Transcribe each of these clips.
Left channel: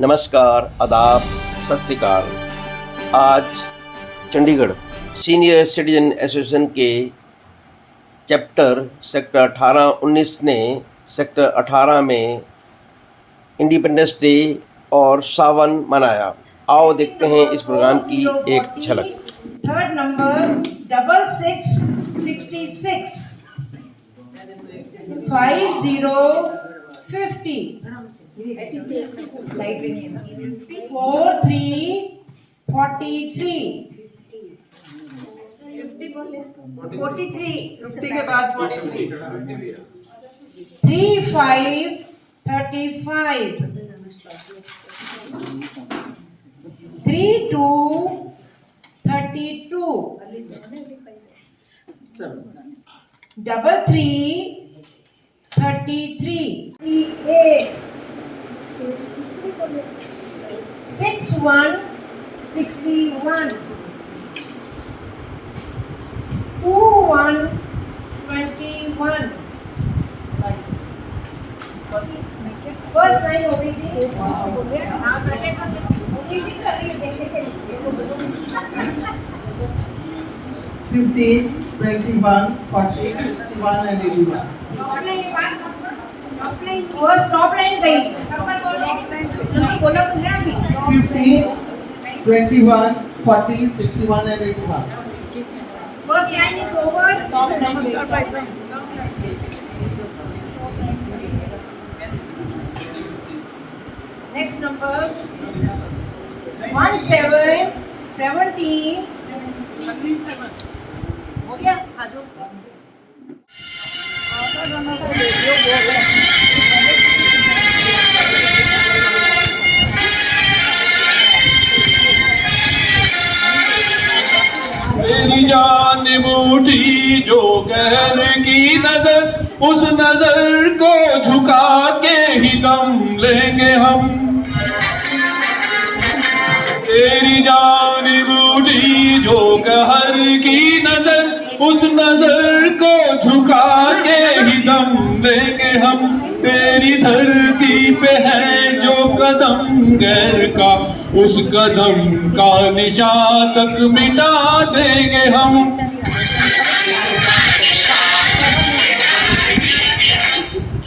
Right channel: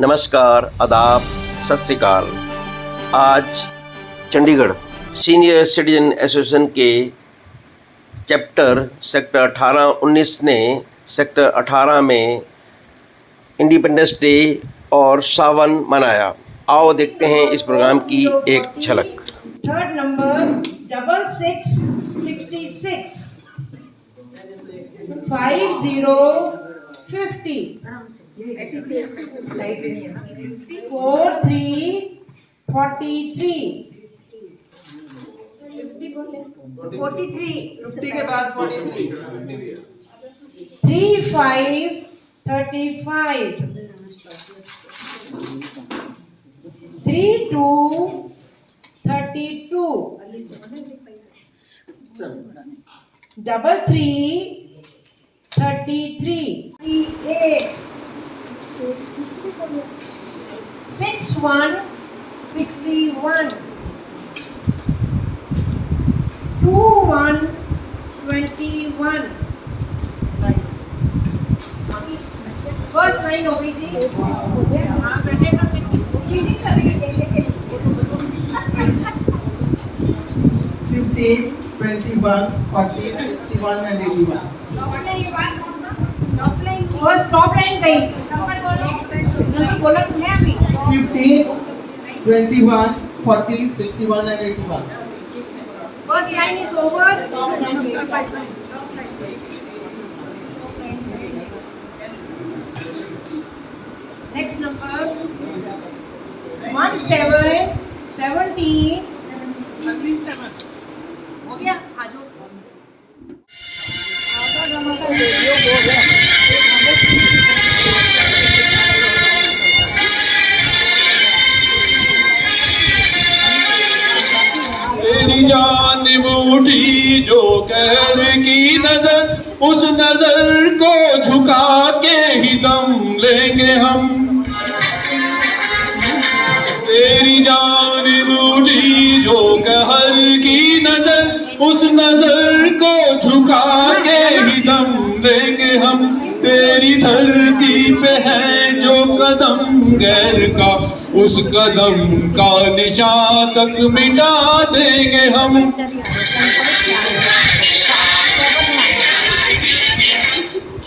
नमस्कार, आदाब, सत श्री अकाल। आज चंडीगढ़ सीनियर सिटीजन एसोसिएशन के चैप्टर सेक्टर 18-19 ने सेक्टर 18 में इंडिपेंडेंस डे और सावन मनाया। आओ देखते हैं इस प्रोग्राम की एक झलक। थर्ड नंबर 6666 5050 4343 50 के बाद 43 3535 3232 3333 6161 2121 फर्स्ट लाइन हो गई थी। 15, 21, 40, 61 and 81. फर्स्ट टॉप लाइन गई बोलो तो है अभी 15, 21, 40, 61 and 81. First line is over. Next number 1717 हो गया आजो तेरी जान बूढ़ी जो कहर की नजर, उस नजर को झुका के ही दम लेंगे हम। तेरी जान बूढ़ी जो कहर की नजर, उस नजर को झुका के ही दम लेंगे हम। तेरी धरती पे है जो कदम गैर का, उस कदम का निशान तक मिटा देंगे हम।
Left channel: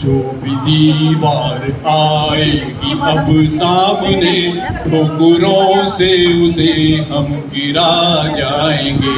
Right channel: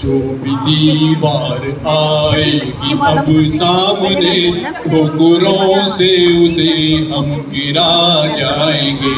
जो भी दीवार आएगी अब सामने, ठोकरों से उसे हम गिरा जाएंगे।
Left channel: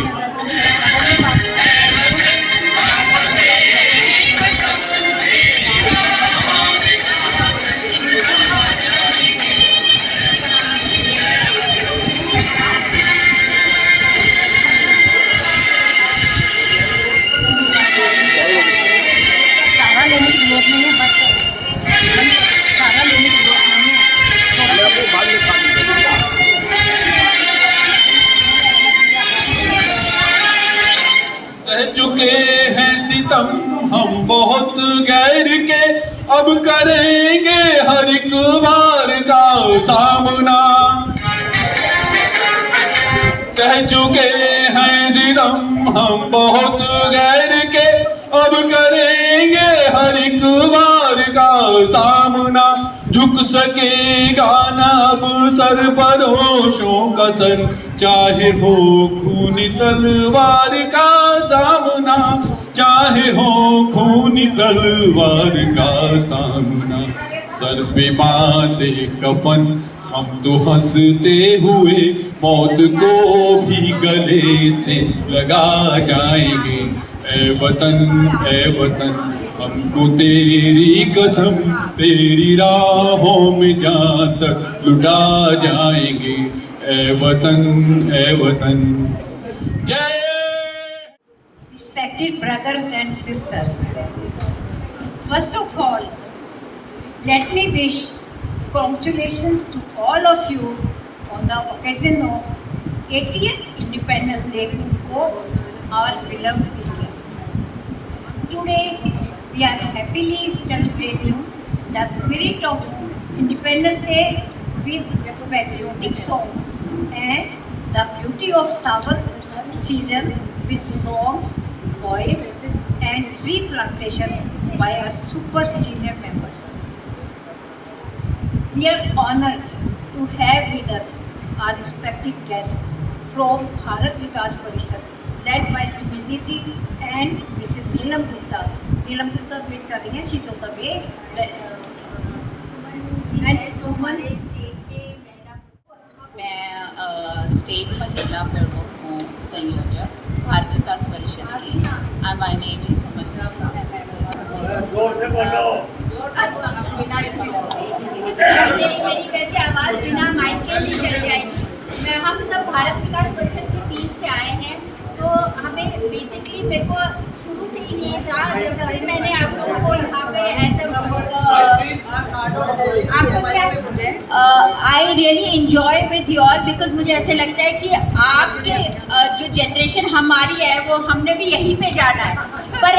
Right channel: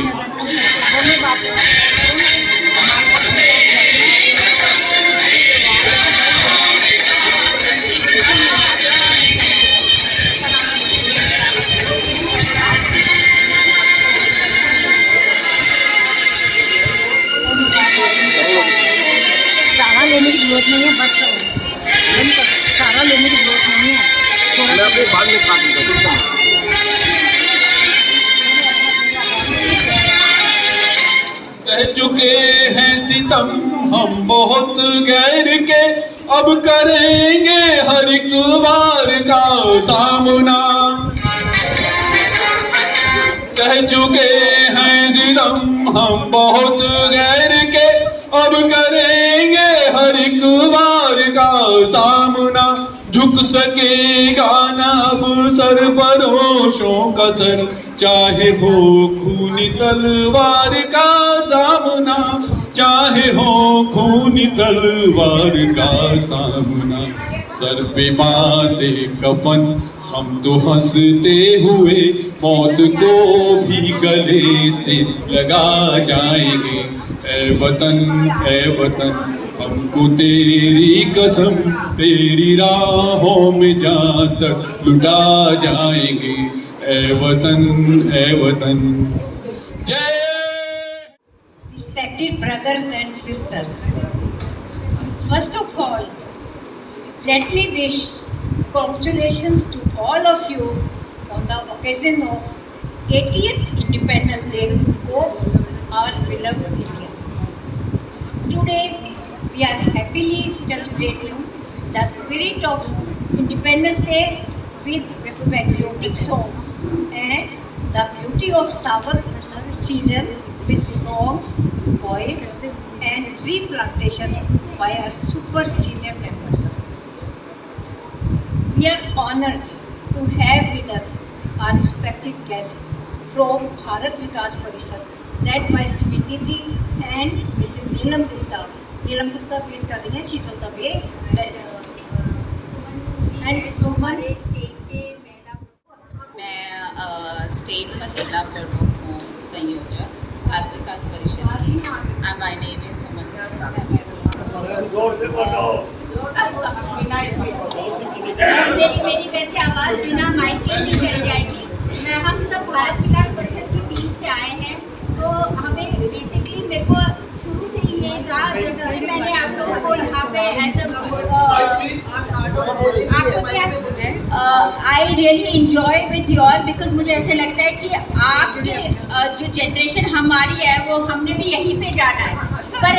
सह चुके हैं सितम हम बहुत गैर के, अब करेंगे हर एक बार का सामना। सह चुके हैं सितम हम बहुत गैर के, अब करेंगे हर एक बार का सामना। झुक सकेगा ना अब सरफरोशों का सर, चाहे हो खूनी तलवार का सामना, चाहे हो खूनी तलवार का सामना। सर पे बांधे कफन हम तो हंसते हुए मौत को भी गले से लगा जाएंगे। ऐ वतन हमको तेरी कसम, तेरी राहों में जहाँ तक लुटा जाएंगे। ऐ वतन जय। Respected brothers and sisters, first of all, let me wish congratulations to all of you on the occasion of 80th Independence Day of our beloved India. Today, we are happily celebrating the spirit of Independence Day with patriotic songs and the beauty of Sawan season with songs, poems and tree plantation by our super senior members. We We are honored to have with us our respected guests from Bharat Vikas Parishad, led by Smriti ji and Mrs. Neelam Gupta. Neelam Gupta wait कर रही हैं, she's on the way. And Suman. मैं state महिला प्रमुख हूँ, संयोजक भारत विकास परिषद की। माय नेम इज सुमन। मेरी वैसे आवाज़ बिना माइक के नहीं चल जाएगी। हम सब भारत विकास परिषद की टीम से आए हैं, तो हमें बेसिकली मेरे को शुरू से ये था, जब से मैंने आप लोगों को यहाँ पे आपको क्या I really enjoy with you all, because मुझे ऐसे लगता है कि आपके जो जनरेशन हमारी है वो हमने भी यहीं पे जाना है। पर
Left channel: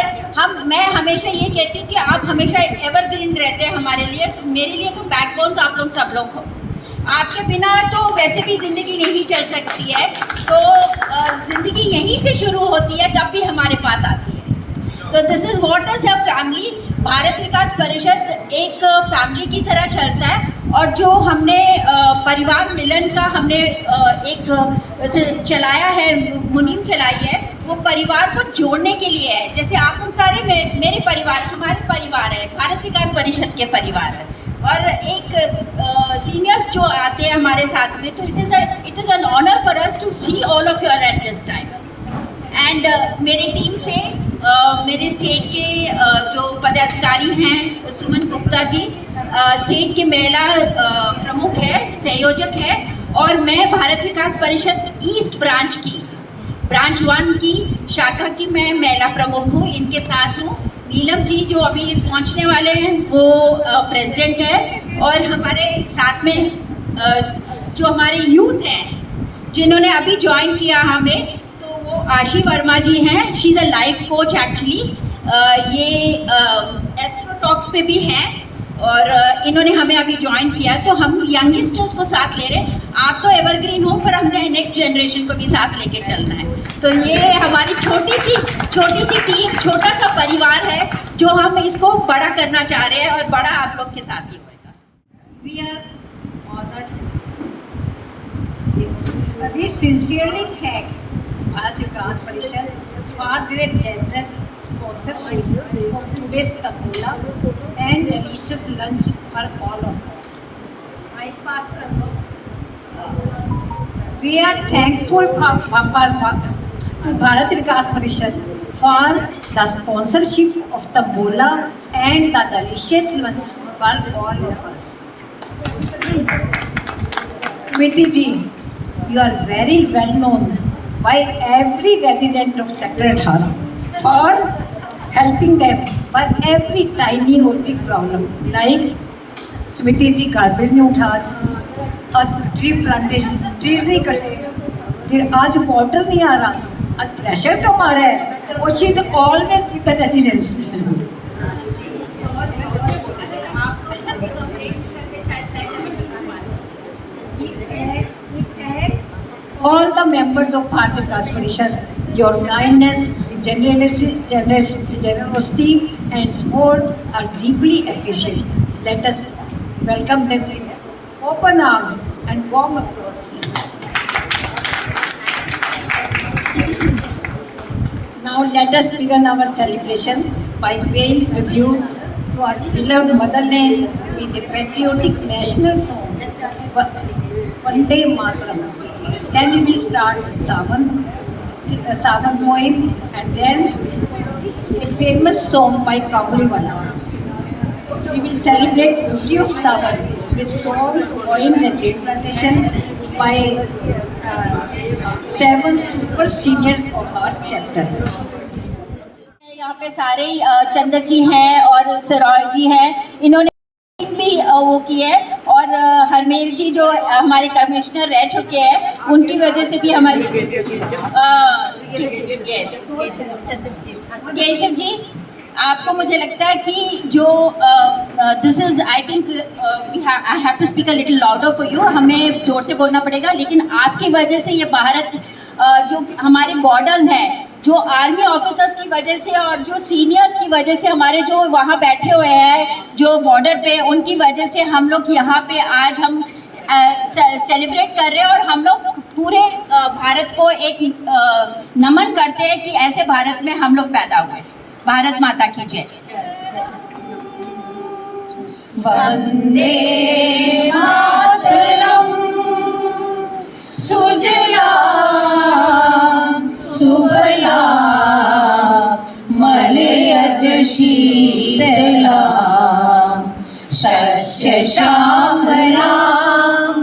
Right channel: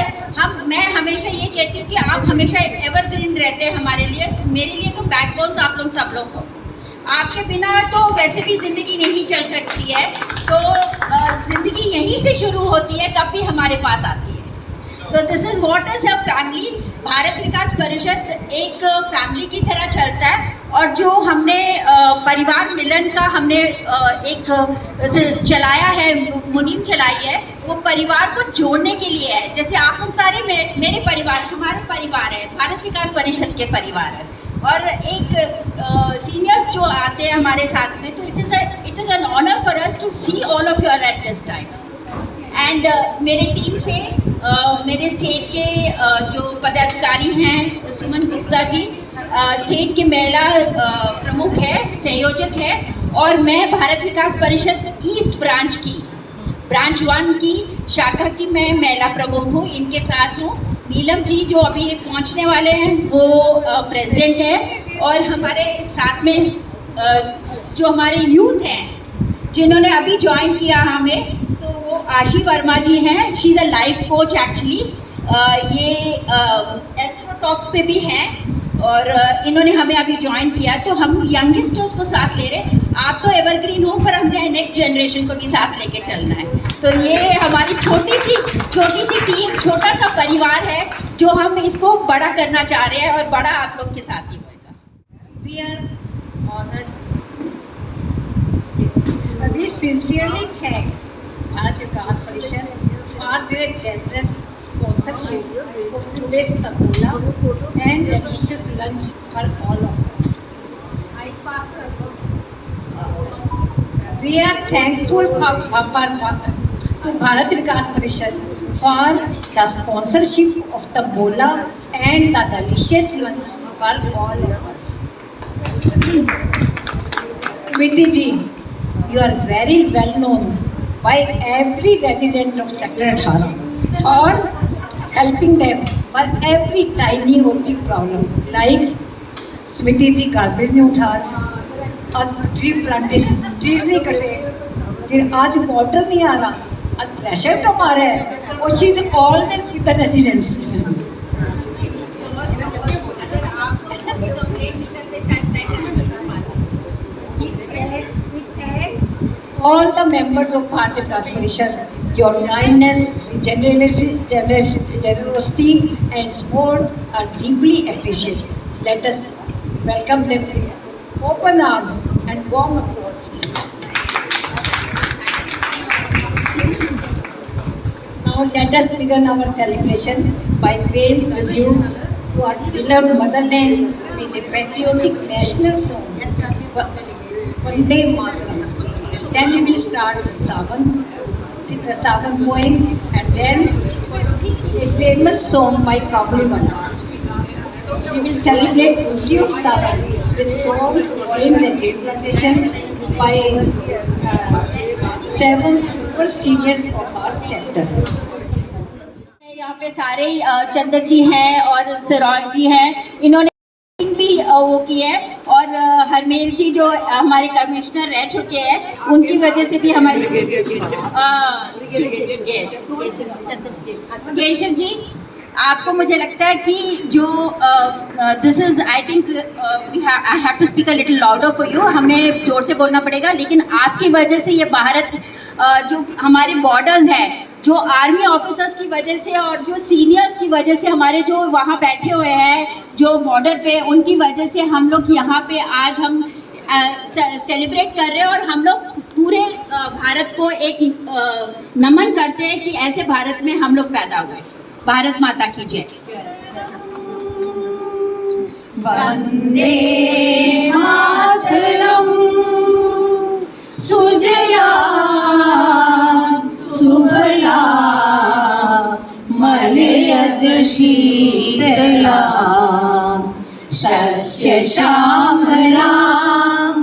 मैं हमेशा ये कहती हूँ कि आप हमेशा एवरग्रीन रहते हैं हमारे लिए, तो मेरे लिए तो बैकबोन्स आप लोग सब लोग हो। आपके बिना तो वैसे भी ज़िंदगी नहीं चल सकती है, तो ज़िंदगी यहीं से शुरू होती है, तब भी हमारे पास आती है। तो this is what is a family. Bharat Vikas Parishad एक फैमिली की तरह चलता है, और जो हमने परिवार मिलन का हमने एक चलाया है, मुहिम चलाई है, वो परिवार को जोड़ने के लिए है। जैसे आप हम सारे मेरे परिवार, हमारे परिवार है, भारत विकास परिषद के परिवार है, और एक सीनियर्स जो आते हैं हमारे साथ में, तो it is an honour for us to see all of you at this time. And मेरे टीम से मेरे स्टेट के जो पदाधिकारी हैं, सुमन गुप्ता जी स्टेट के महिला प्रमुख है, संयोजक है, और मैं भारत विकास परिषद ईस्ट ब्रांच 1 की शाखा की मैं महिला प्रमुख हूँ, इनके साथ हूँ। नीलम जी जो अभी पहुंचने वाले हैं वो प्रेसिडेंट है, और हमारे साथ में जो हमारे यूथ हैं जिन्होंने अभी ज्वाइन किया हमें, तो वो आशी वर्मा जी हैं। She is a life coach actually, ये एस्ट्रो टॉक पे भी हैं, और इन्होंने हमें अभी ज्वाइन किया। तो हम यंगस्टर्स को साथ ले रहे। आप तो एवरग्रीन हो, पर हमने नेक्स्ट जनरेशन को भी साथ लेके चलना है। तो ये हमारी छोटी सी टीम, छोटा सा परिवार है, जो हम इसको बड़ा करना चाह रहे हैं, और बड़ा आप लोग के साथ ही होगा। We are honored. Yes. We sincerely thank Bharat Vikas Parishad for their generous sponsorship of today's tabola and delicious lunch for all of us. We are thankful to Bharat Vikas Parishad for the sponsorship of tabola and the delicious lunch for all of us. Smriti ji, you are very well known by every resident of Sector 18 for helping them for every tiny or big problem. Like Smriti ji garbage नहीं उठा, आज tree plantation trees नहीं कटे, फिर आज water नहीं आ रहा, आज प्रेशर कम आ रहा है, और she is always with the residents. All the members of Bharat Vikas Parishad, your kindness, generosity and support are deeply appreciated. Let us welcome them with open arms and warm applause. Now let us begin our celebration by paying tribute to our beloved motherland with a patriotic national song, Vande Mataram. Then we will start with Savan poem, and then a famous song by Kabuliwala. We will celebrate beauty of Savan with songs, poems and tree plantation by 7 super seniors of our chapter. यहाँ पे सारे चंदर जी हैं और सरोज जी हैं, इन्होंने भी वो की है, और हरमेल जी जो हमारे कमिश्नर रह चुके हैं, उनकी वजह से भी हमारे केशव जी, आपको मुझे लगता है कि जो this is I think I have to speak a little louder for you, हमें जोर से बोलना पड़ेगा, लेकिन आपकी वजह से ये भारत जो हमारे बॉर्डर्स हैं जो आर्मी ऑफिसर्स की वजह से और जो सीनियर्स की वजह से, हमारे जो वहाँ बैठे हुए हैं जो बॉर्डर पे, उनकी वजह से हम लोग यहाँ पे आज हम सेलिब्रेट कर रहे हैं। और हम लोग पूरे भारत को एक नमन करते हैं कि ऐसे भारत में हम लोग पैदा हुए। भारत माता की जय। वंदे मातरम सुजला सुफला मलयज शीतला सस्य श्यामला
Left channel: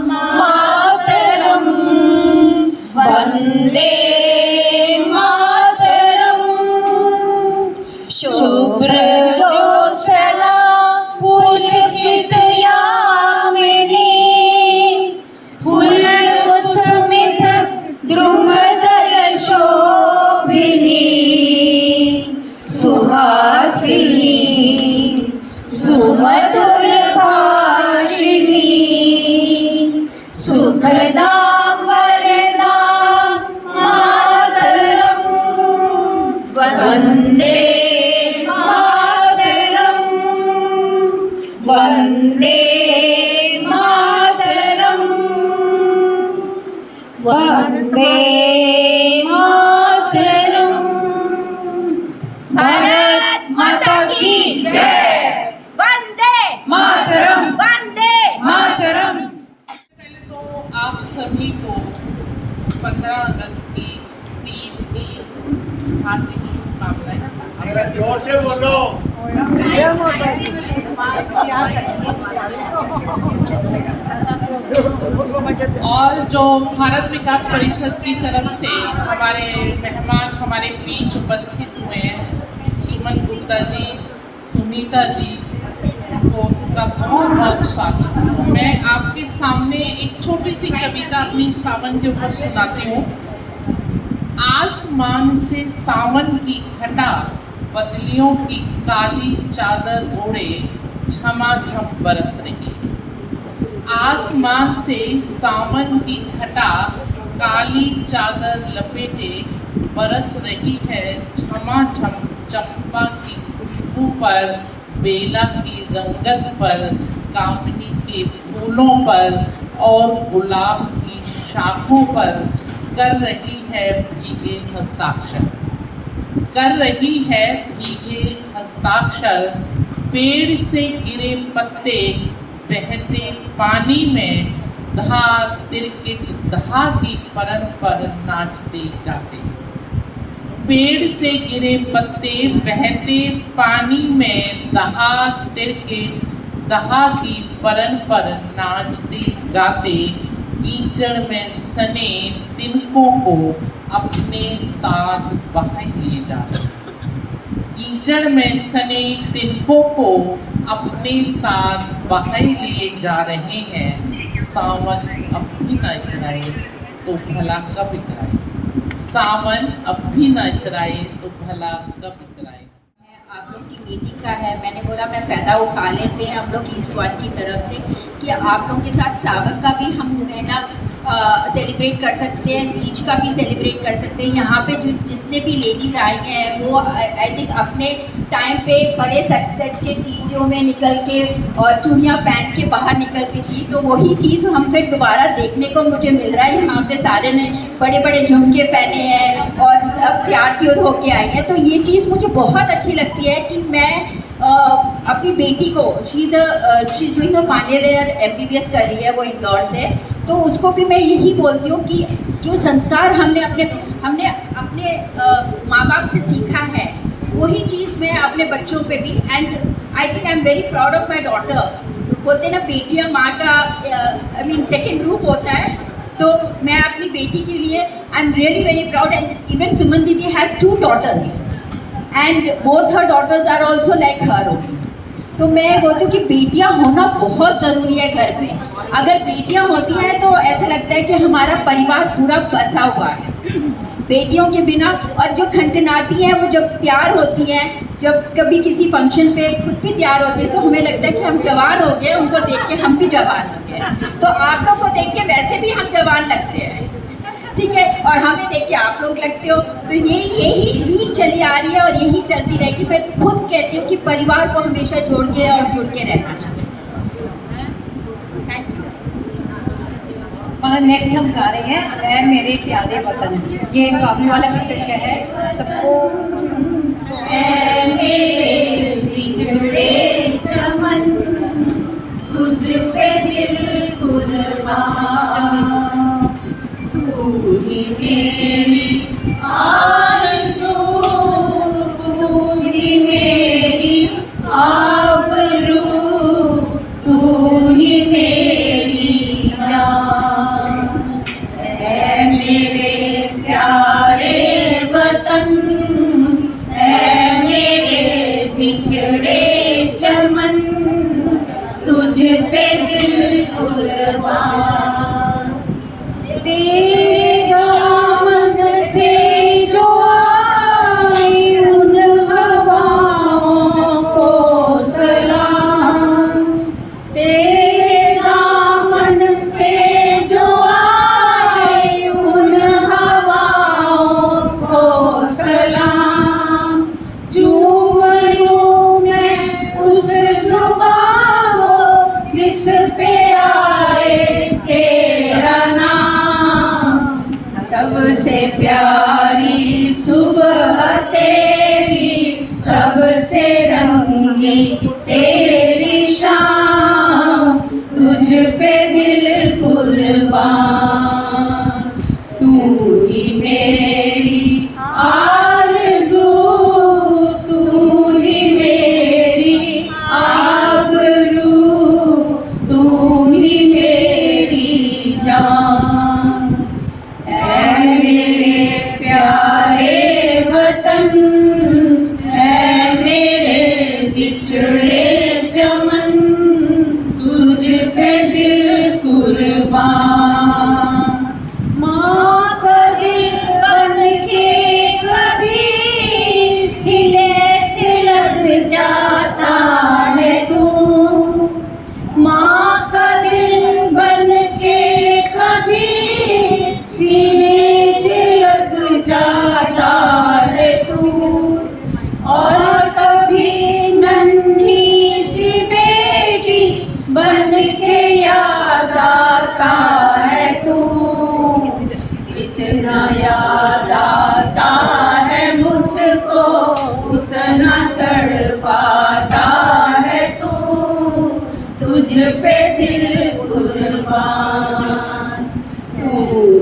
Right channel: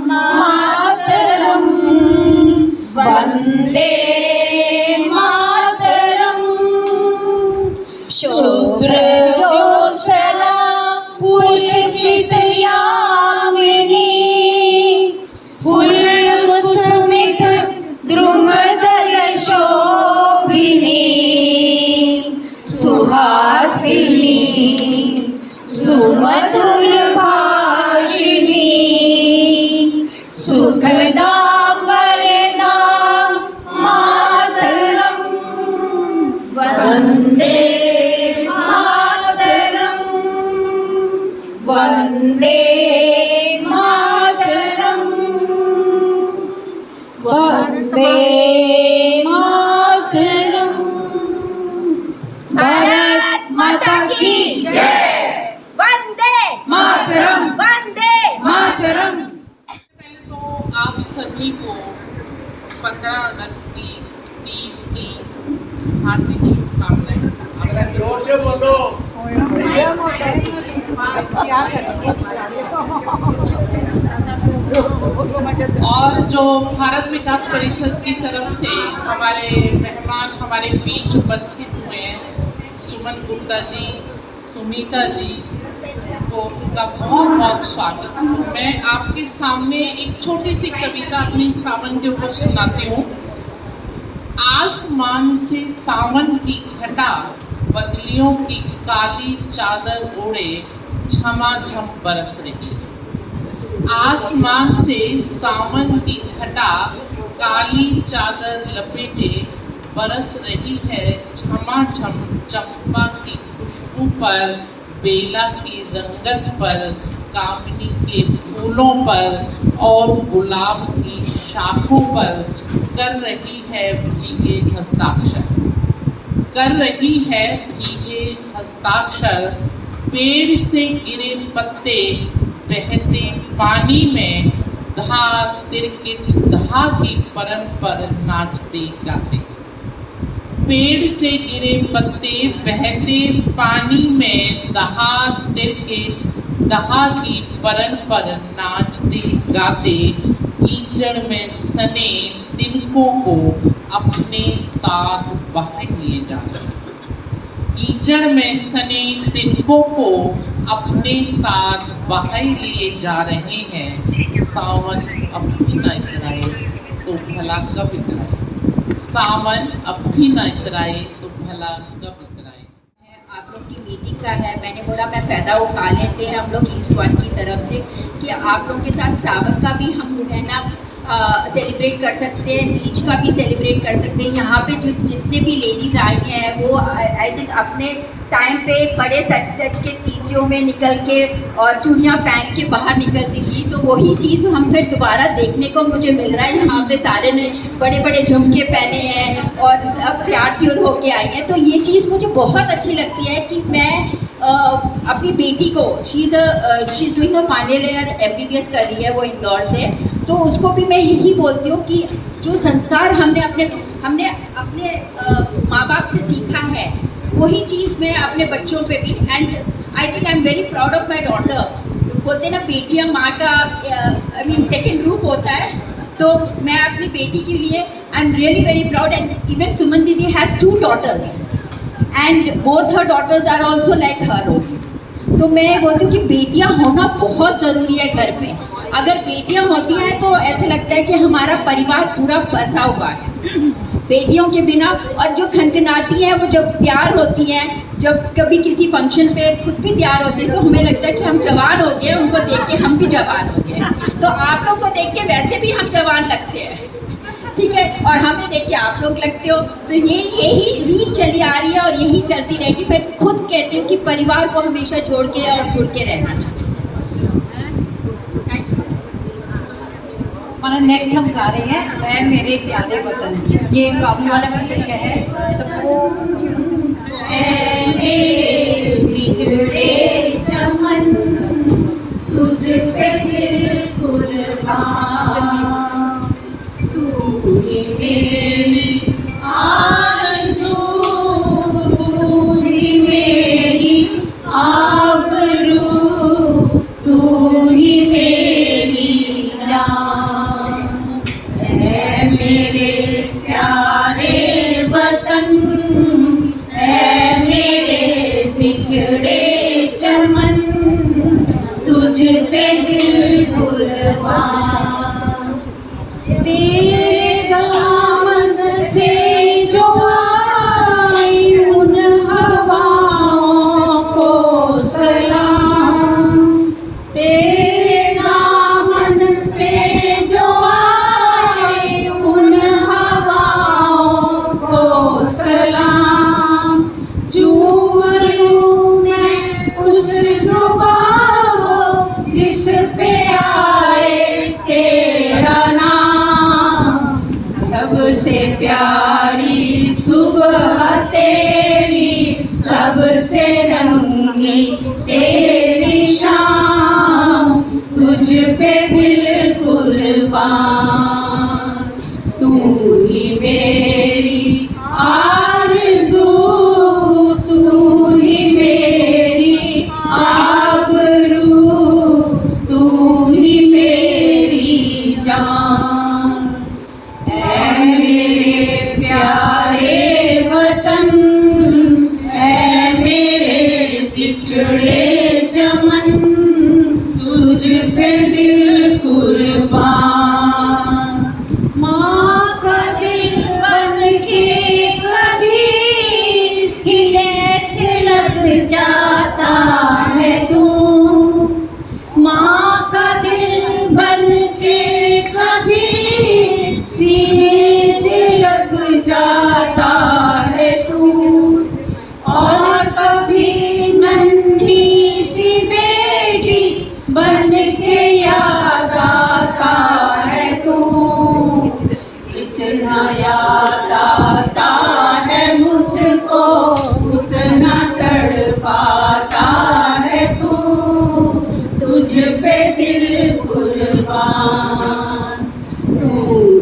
मातरम वंदे मातरम शुभ्रज्योत्सना पुष्पित यामिनी फुल्लकुसुमित द्रुमदल शोभिनी सुहासिनी सुमधुर भाषिणी सुखदां वरदां मातरं वन्दे मातरं वन्दे मातरं वन्दे मातरं। भारत माता की जय। वंदे मातरम वंदे मातरम। पहले तो आप सभी को 15 अगस्त की तीज की हार्दिक शुभकामनाएं। आप सभी जोर से बोलो। और जो भारत विकास परिषद की तरफ से हमारे मेहमान हमारे बीच उपस्थित हुए हैं, सुमन गुप्ता जी, सुमिता जी, उनका बहुत बहुत स्वागत। मैं आपके सामने एक छोटी सी कविता अपनी सावन के ऊपर सुनाती हूँ। आसमान से सावन की घटा बदलियों की काली चादर ओढ़े झमाझम बरस रही। आसमान से सावन की घटा काली चादर लपेटे बरस रही है झमाझम। चंपा की खुशबू पर, बेला की रंगत पर, कामनी के फूलों पर और गुलाब की शाखों पर कर रही है भीगे हस्ताक्षर, कर रही है भीगे हस्ताक्षर। पेड़ से गिरे पत्ते बहते पानी में धा तिरकिट धा की परन पर नाचते गाते। पेड़ से गिरे पत्ते बहते पानी में दहा तिरकिट दहा की परन पर नाचते गाते। कीचड़ में सने तिनकों को अपने साथ बहा लिए जा रहे। कीचड़ में सने तिनकों को अपने साथ बहाए लिए जा रहे हैं। सावन अब भी न इतराए तो भला कब इतराए। सावन अब भी न इतराए तो भला कब इतराए। आप लोग की मीटिंग का है, मैंने बोला मैं फ़ायदा उठा लेते हैं हम लोग ईस्ट वन की तरफ से कि आप लोगों के साथ सावन का भी हम है ना सेलिब्रेट कर सकते हैं, तीज का भी सेलिब्रेट कर सकते हैं। यहाँ पे जो जितने भी लेडीज़ आई हैं वो आई थिंक अपने टाइम पे बड़े सच के तीजों में निकल के और चूड़ियाँ पहन के बाहर निकलती थी, तो वही चीज़ हम फिर दोबारा देखने को मुझे मिल रहा है। यहाँ पे सारे ने बड़े बड़े झुमके पहने हैं और सब तैयार होके आई हैं, तो ये चीज़ मुझे बहुत अच्छी लगती है कि मैं अपनी बेटी को she is doing a final year MBBS कर रही है वो इंदौर से, तो उसको भी मैं यही बोलती हूँ कि जो संस्कार हमने अपने माँ बाप से सीखा है वही चीज़ मैं अपने बच्चों पे भी, and I think I am very proud of my daughter. बोलते ना बेटियाँ माँ का आई मीन सेकेंड रूप होता है, तो मैं अपनी बेटी के लिए I am really very proud. And even Suman didi has 2 daughters and both her daughters are also like her only। तो मैं बोलती हूँ कि बेटियाँ होना बहुत ज़रूरी है घर में। अगर बेटियाँ होती हैं तो ऐसे लगता है कि हमारा परिवार पूरा बसा हुआ है। बेटियों के बिना, और जो खनखनाती हैं वो जब तैयार होती हैं, जब कभी किसी फंक्शन पे खुद भी तैयार होती है तो हमें लगता है कि हम जवान हो गए, उनको देख के हम भी जवान हो गए। तो आप लोग को देख के वैसे भी हम जवान लगते हैं। ठीक है, और हमें देख के आप लोग लगते हो, तो यही रीत चली आ रही है और यही चलती रहेगी। मैं खुद कहती हूँ कि परिवार को हमेशा जोड़ के और जुड़ के रहना चाहिए। हमारा नेक्स्ट हम गा रहे हैं मैं मेरे प्यारे वतन। ये काबुल वाला पिक्चर क्या है सबको। ऐ मेरे बिछड़े चमन, तुझ पे दिल कुर्बान, तू ही मेरी आरज़ू, तू ही मेरी आबरू, तू ही मेरी जान। ऐ मेरे प्यारे वतन, ऐ मेरे बिछड़े चमन, तुझ पे दिल कुर्बान। तेरे दामन से जो आई उन हवाओं को सलाम, तेरे दामन से जो आई उन हवाओं को सलाम। चूम लूं मैं उस जुबां को जिस पे आए तेरा नाम, सबसे प्यारी सुबह तेरी, सबसे रंगी तेरी शाम, तुझ पे दिल कुर्बान, तू ही मेरी आरज़ू, तू ही मेरी आबरू, तू ही मेरी जान। ऐ मेरे प्यारे वतन, ऐ मेरे बिछड़े चमन, तुझ पे दिल कुर्बान। माँ का दिल बन के कभी सीने से लग जाता है तू, माँ का दिल बन के कभी सीने से लग जाता है तू, और कभी नन्ही सी बेटी बन के याद आता है तू। जितना याद आता है मुझको उतना तड़पाता है तू, तुझ पे दिल कुर्बान, तू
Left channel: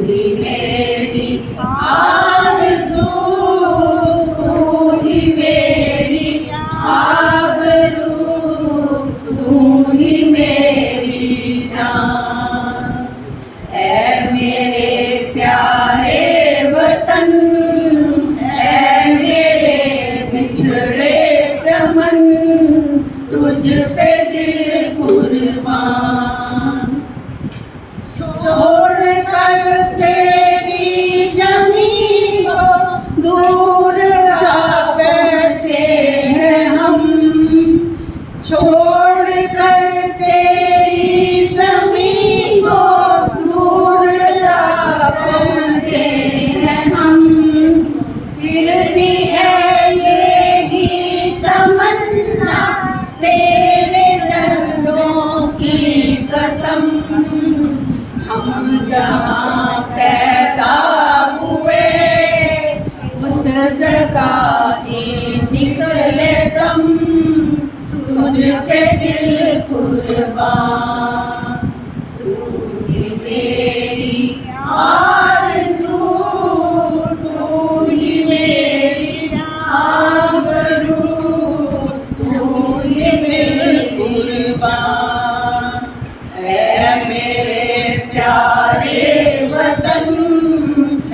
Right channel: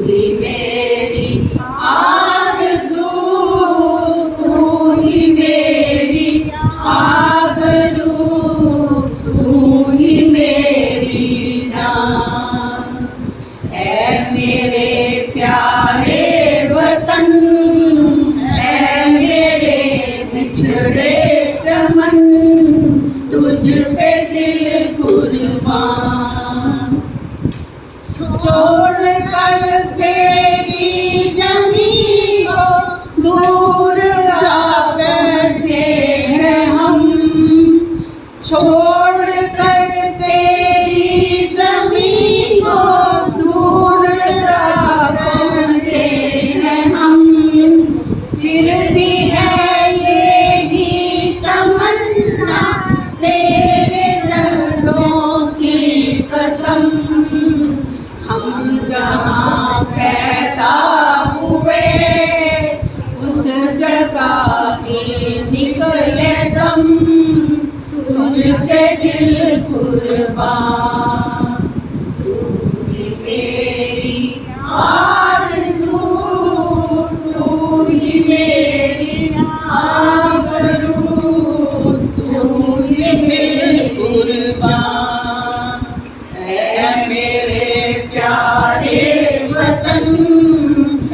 ही मेरी आरज़ू, तू ही मेरी आबरू, तू ही मेरी जान। ऐ मेरे प्यारे वतन, ऐ मेरे बिछड़े चमन, तुझ पे दिल कुर्बान। छोड़ कर तेरी ज़मीन को दूर जा बैठे हैं हम, छोड़ कर तेरी ज़मीन को दूर जा पहुँचे हैं हम, फिर भी है यही तमन्ना तेरे चरणों की कसम, हम जहाँ पैदा हुए उस जगह ही निकले दम, तुझ पे दिल कुर्बान, तू ही मेरी आरज़ू, तू ही मेरी आबरू, तू ही दिल कुर्बान। ऐ मेरे प्यारे वतन,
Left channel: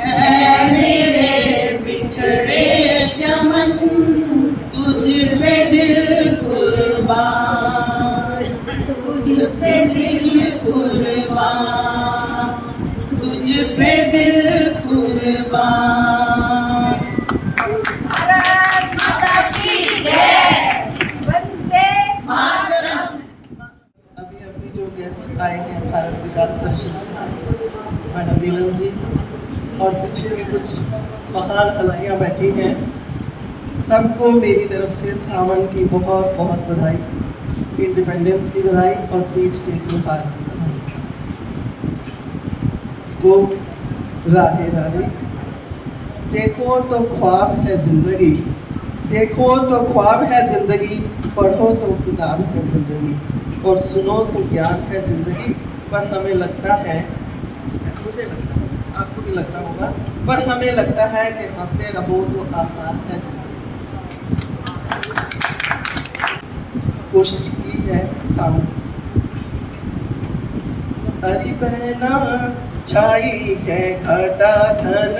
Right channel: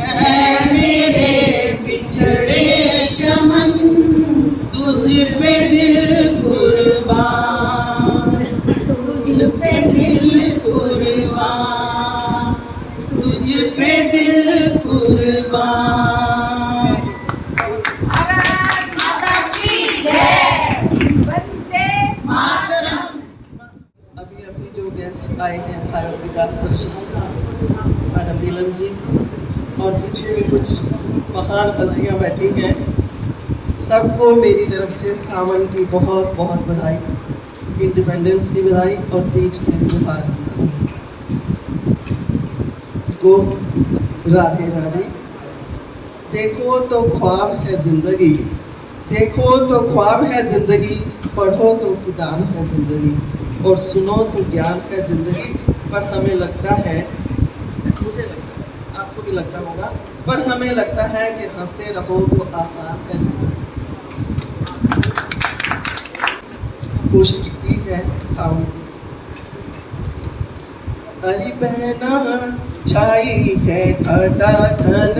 ऐ मेरे बिछड़े चमन, तुझ पे दिल कुर्बान, तुझ पे दिल कुर्बान, तुझ पे दिल कुर्बान। भारत माता की जय, वंदे मातरम। अभी जो गेस्ट आए हैं भारत विकास परिषद से, मैडम नीलम जी, और पीछे भी कुछ महान हस्तियाँ बैठी हैं। सबको मेरी तरफ से सावन की बहुत बहुत बधाई, इंडिपेंडेंस की बधाई और तीज के त्योहार की बधाई। वो राधे राधे। देखो तो ख्वाब है जिंदगी, देखो तो ख्वाब है जिंदगी, पढ़ो तो किताब है जिंदगी, और सुनो तो ज्ञान है जिंदगी। पर हमें लगता है, मुझे लगता है, आपको भी लगता होगा, पर हमें लगता है कि हंसते रहो तो आसान है जिंदगी। कोशिश की है साउंड। अरे बहना छाई है घटा घन,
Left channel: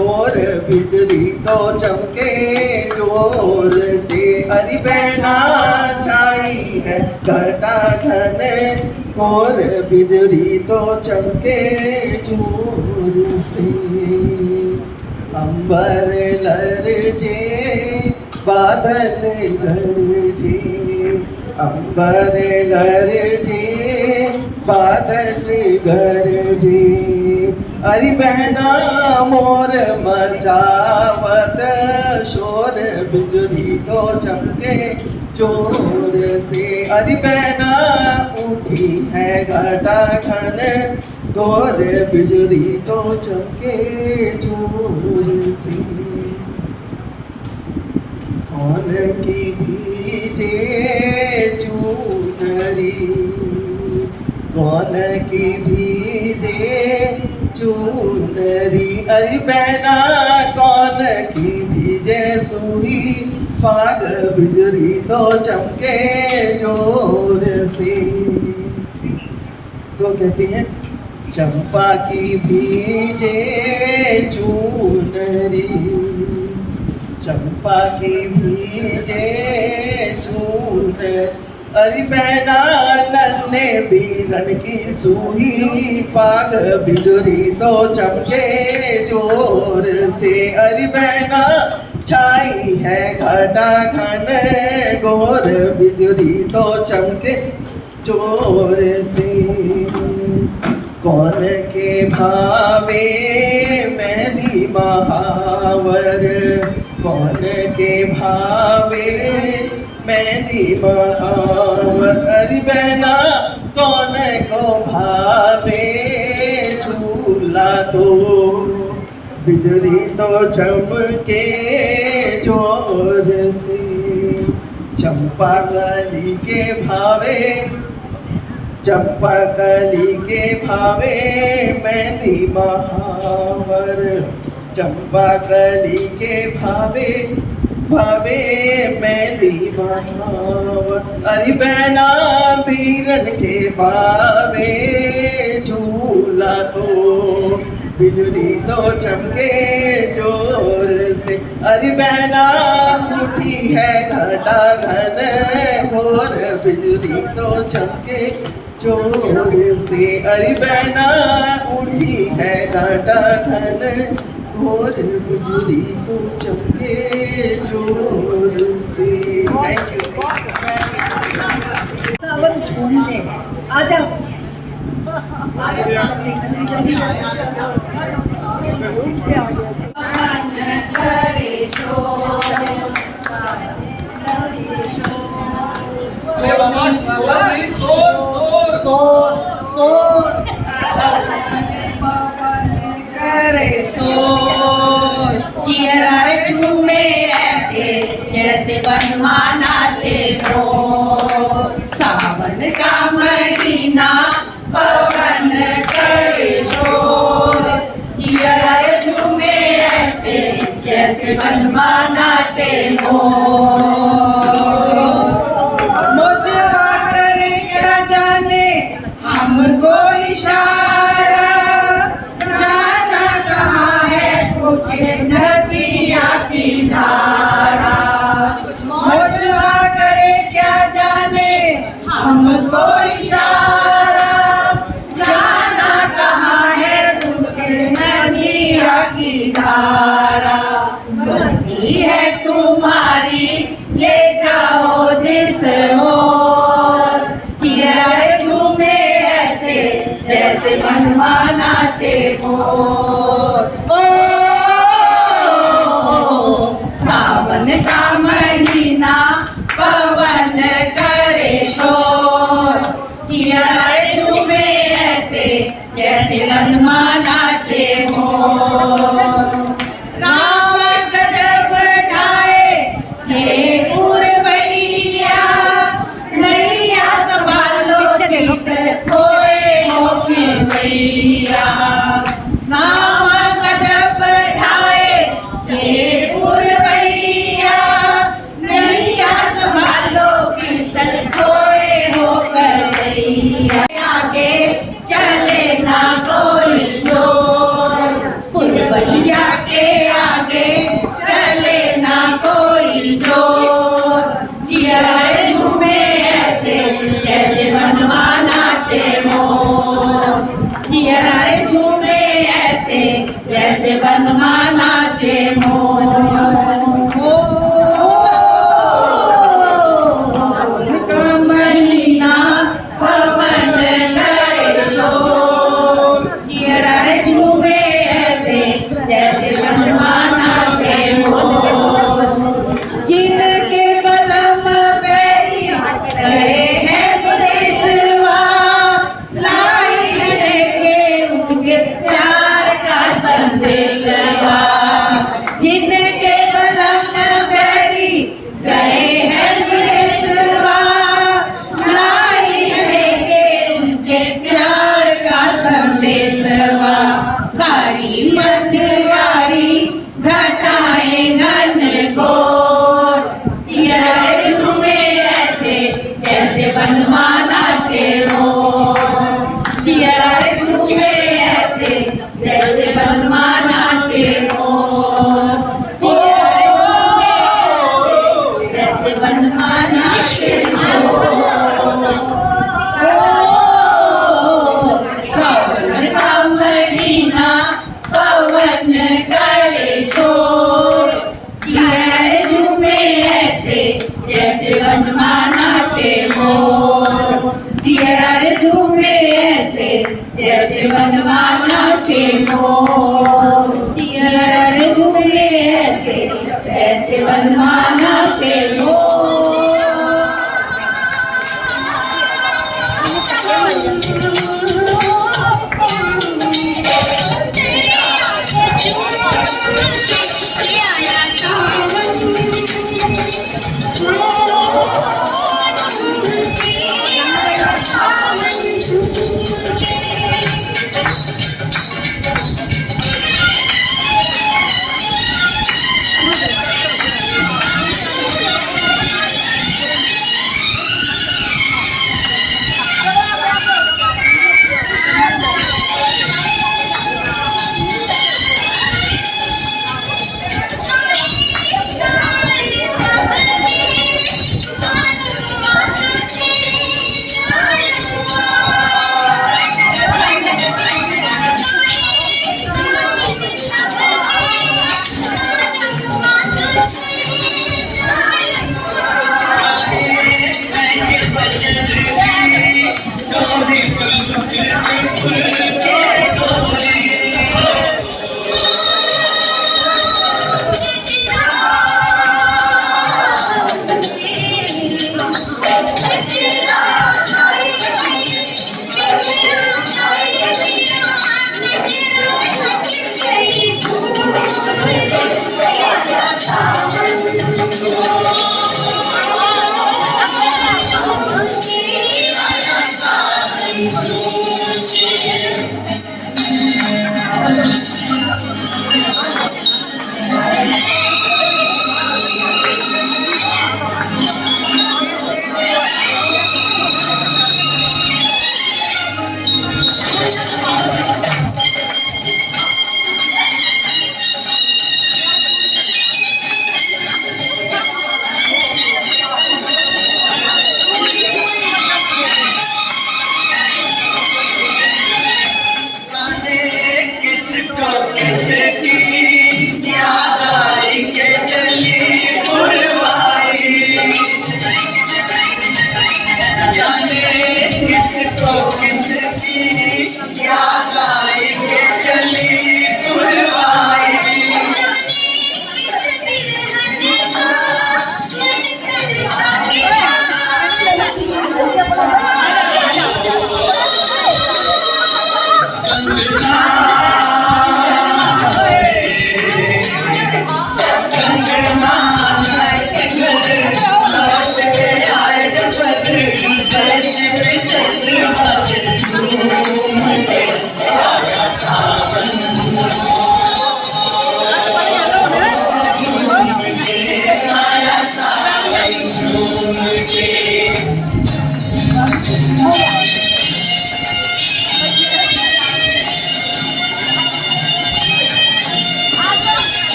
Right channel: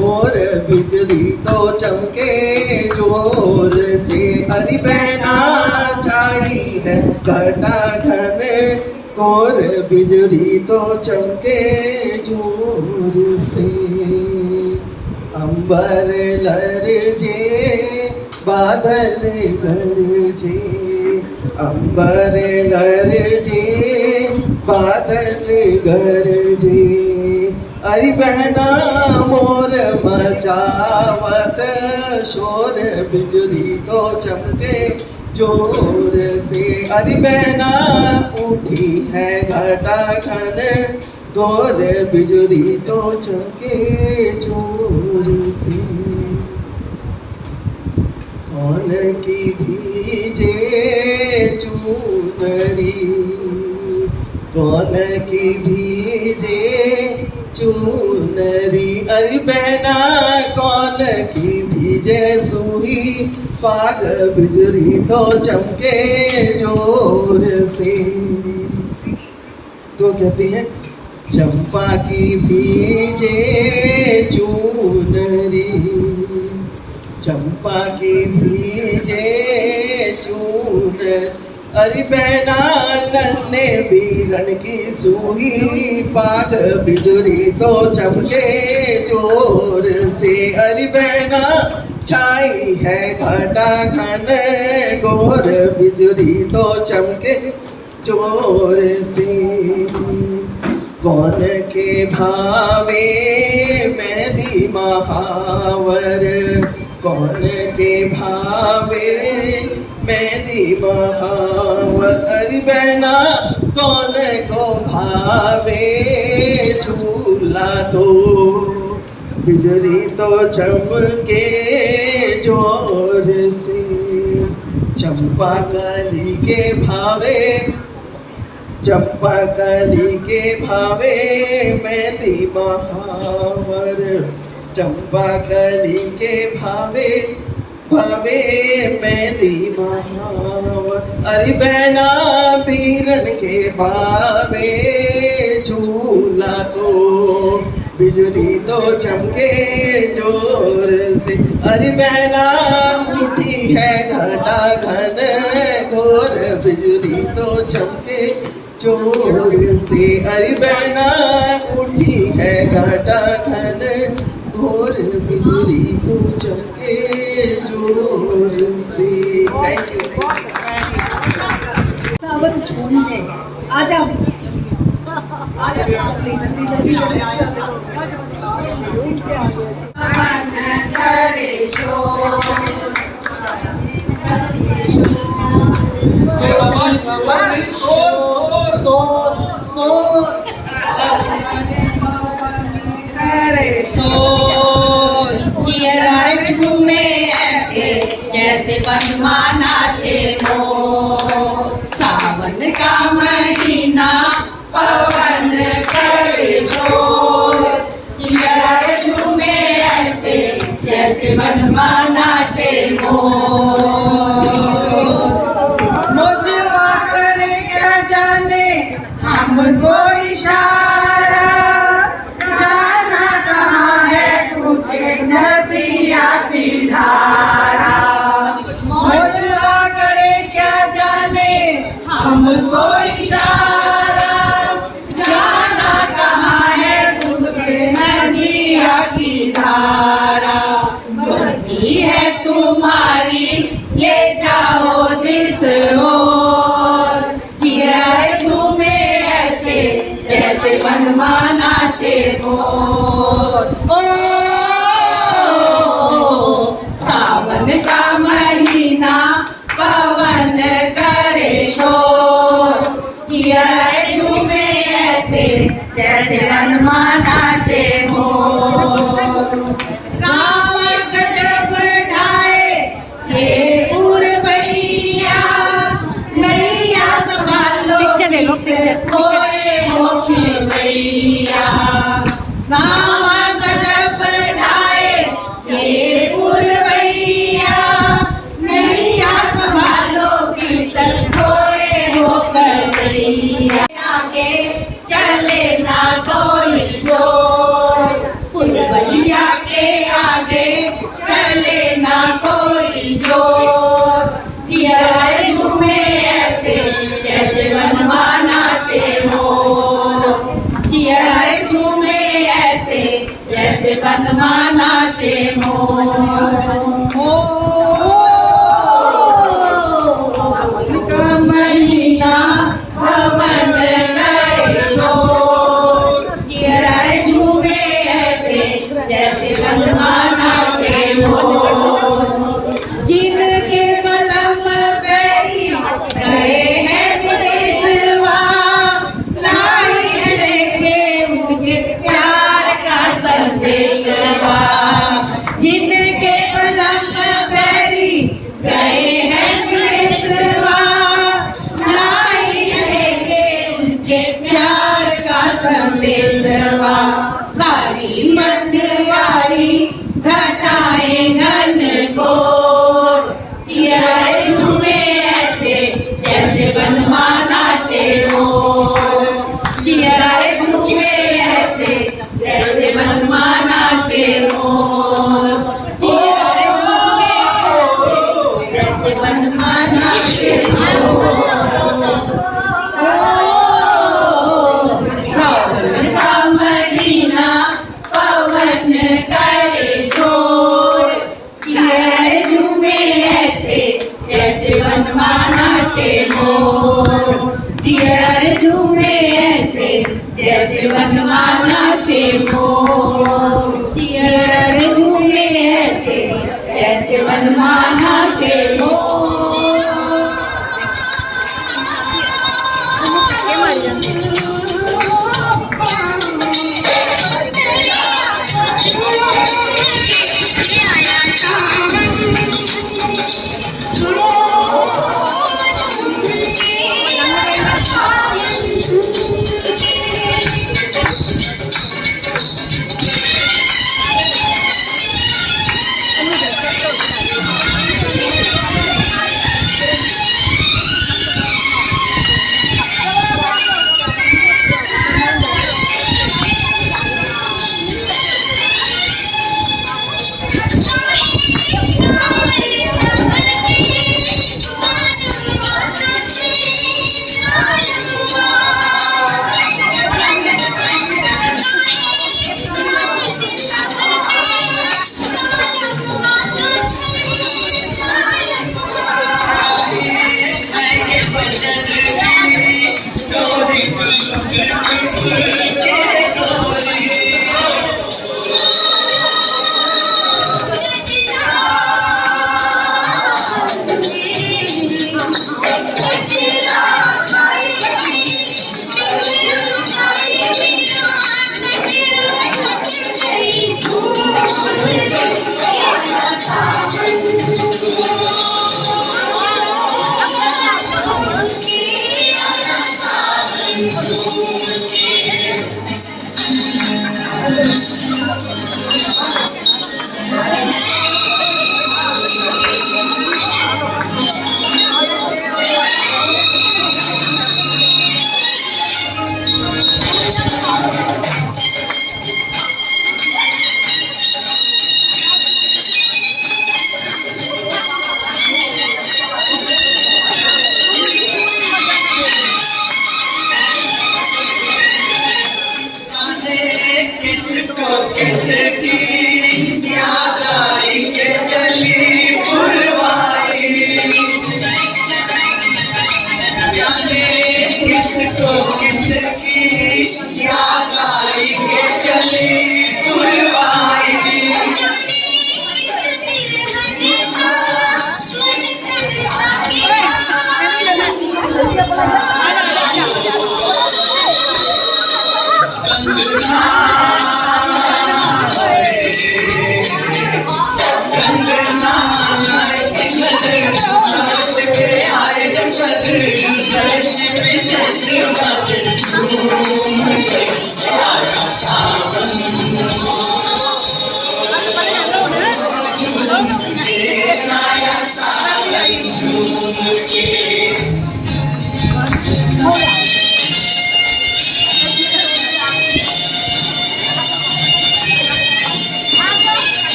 और बिजली तो चमके जोर से। अरे बहना छाई है घटा घन, और बिजली तो चमके जोर से। अंबर लरजे बादल गरजे, अंबर लरजे बादल गरजे। अरे बहना मोर मचावत शोर, बिजली तो चमके जोर से। अरे बहना उठी है घटा घन, और बिजली तो चमके जोर से। कौन की भीजे चूनरी, कौन की भीजे चूनरी। अरे बहना कौन की भीजे सुई, पाग बिजली तो चमके जोर से। तो कहती हैं चंपा की भीजे चूनरी, चंपा की भीजे चून। अरे बहना नन्हे बीरन की सुई, पाग बिजली तो चमके जोर से। अरे बहना छाई है घटा घन, गोर बिजली तो चमके जोर से। कौन के भावे मेहंदी महावर, कौन के भावे मेहंदी महावर। अरे बहना कौन को भावे झूला तो, बिजली तो चमके जोर से। चंपा कली के भावे, चंपा कली के भावे मेहंदी महावर, चंपा कली के भावे भावे मेहंदी महावर। अरे बहना बीरन के भावे झूला तो, बिजली तो चमके जोर से। अरे बहना उठी है घटा घन, घोर बिजली तो चमके जोर से। अरे बहना उठी है घटा घन, घोर बिजली तो चमके जोर से। Thank you. सावन झूम ले, आ जाओ, आ जाओ जल्दी जल्दी जल्दी झूमे ऐसे जैसे बनमा नाचे हो, सावन का महीना पवन करे शोर। जिया झूमे ऐसे जैसे बनमा नाचे हो, मुझवा करे क्या जाने हमको इशारा, जाना कहाँ है कुछ नदिया की धारा। मुझवा करे क्या जाने हमको इशारा, जाना कहाँ है कुछ नदिया की धारा। मर्जी है तुम्हारी ले जाओ जिस ओर, चिरा झूमे ऐसे जैसे वनमा नाचे मोर। ओ सावन का महीना पवन करे शोर, जिया झूमे ऐसे जैसे वनमा नाचे मोर। राम गजब ढाए ये उर्वैया, नैया संभालो गीत खोए हो खेवैया। राम गजब ढाए ये उर्वैया, नैया संभालो गीत खोए हो खेवैया। आगे चले ना कोई जोर, पुरवैया के आगे चले ना कोई जोर, जिया झूमे ऐसे जैसे वनमा नाचे मोर। जिया झूमे ऐसे जैसे वनमा नाचे मोर। का महीना सवन करे शोर, जिया झूमे ऐसे जैसे वनमा नाचे मोर। जिनके बलम बैरी गए हैं विदेशवा, लाई है लेके उनके प्यार का संदेशवा। जिनके बलम बैरी गए हैं विदेशवा, लाई है लेके उनके प्यार का संदेशवा। गाड़ी मतवारी घटाए घन घोर, जिया झूमे ऐसे जैसे वनमा नाचे मोर। जिया झूमे ऐसे जैसे वनमा नाचे मोर। जिया झूमे ऐसे जैसे वनमा नाचे मोर। सावन का महीना पवन करे शोर, जिया झूमे ऐसे जैसे वनमा नाचे मोर। जिया झूमे ऐसे जैसे वनमा नाचे मोर। जिया झूमे ऐसे जैसे वनमा नाचे मोर। किसको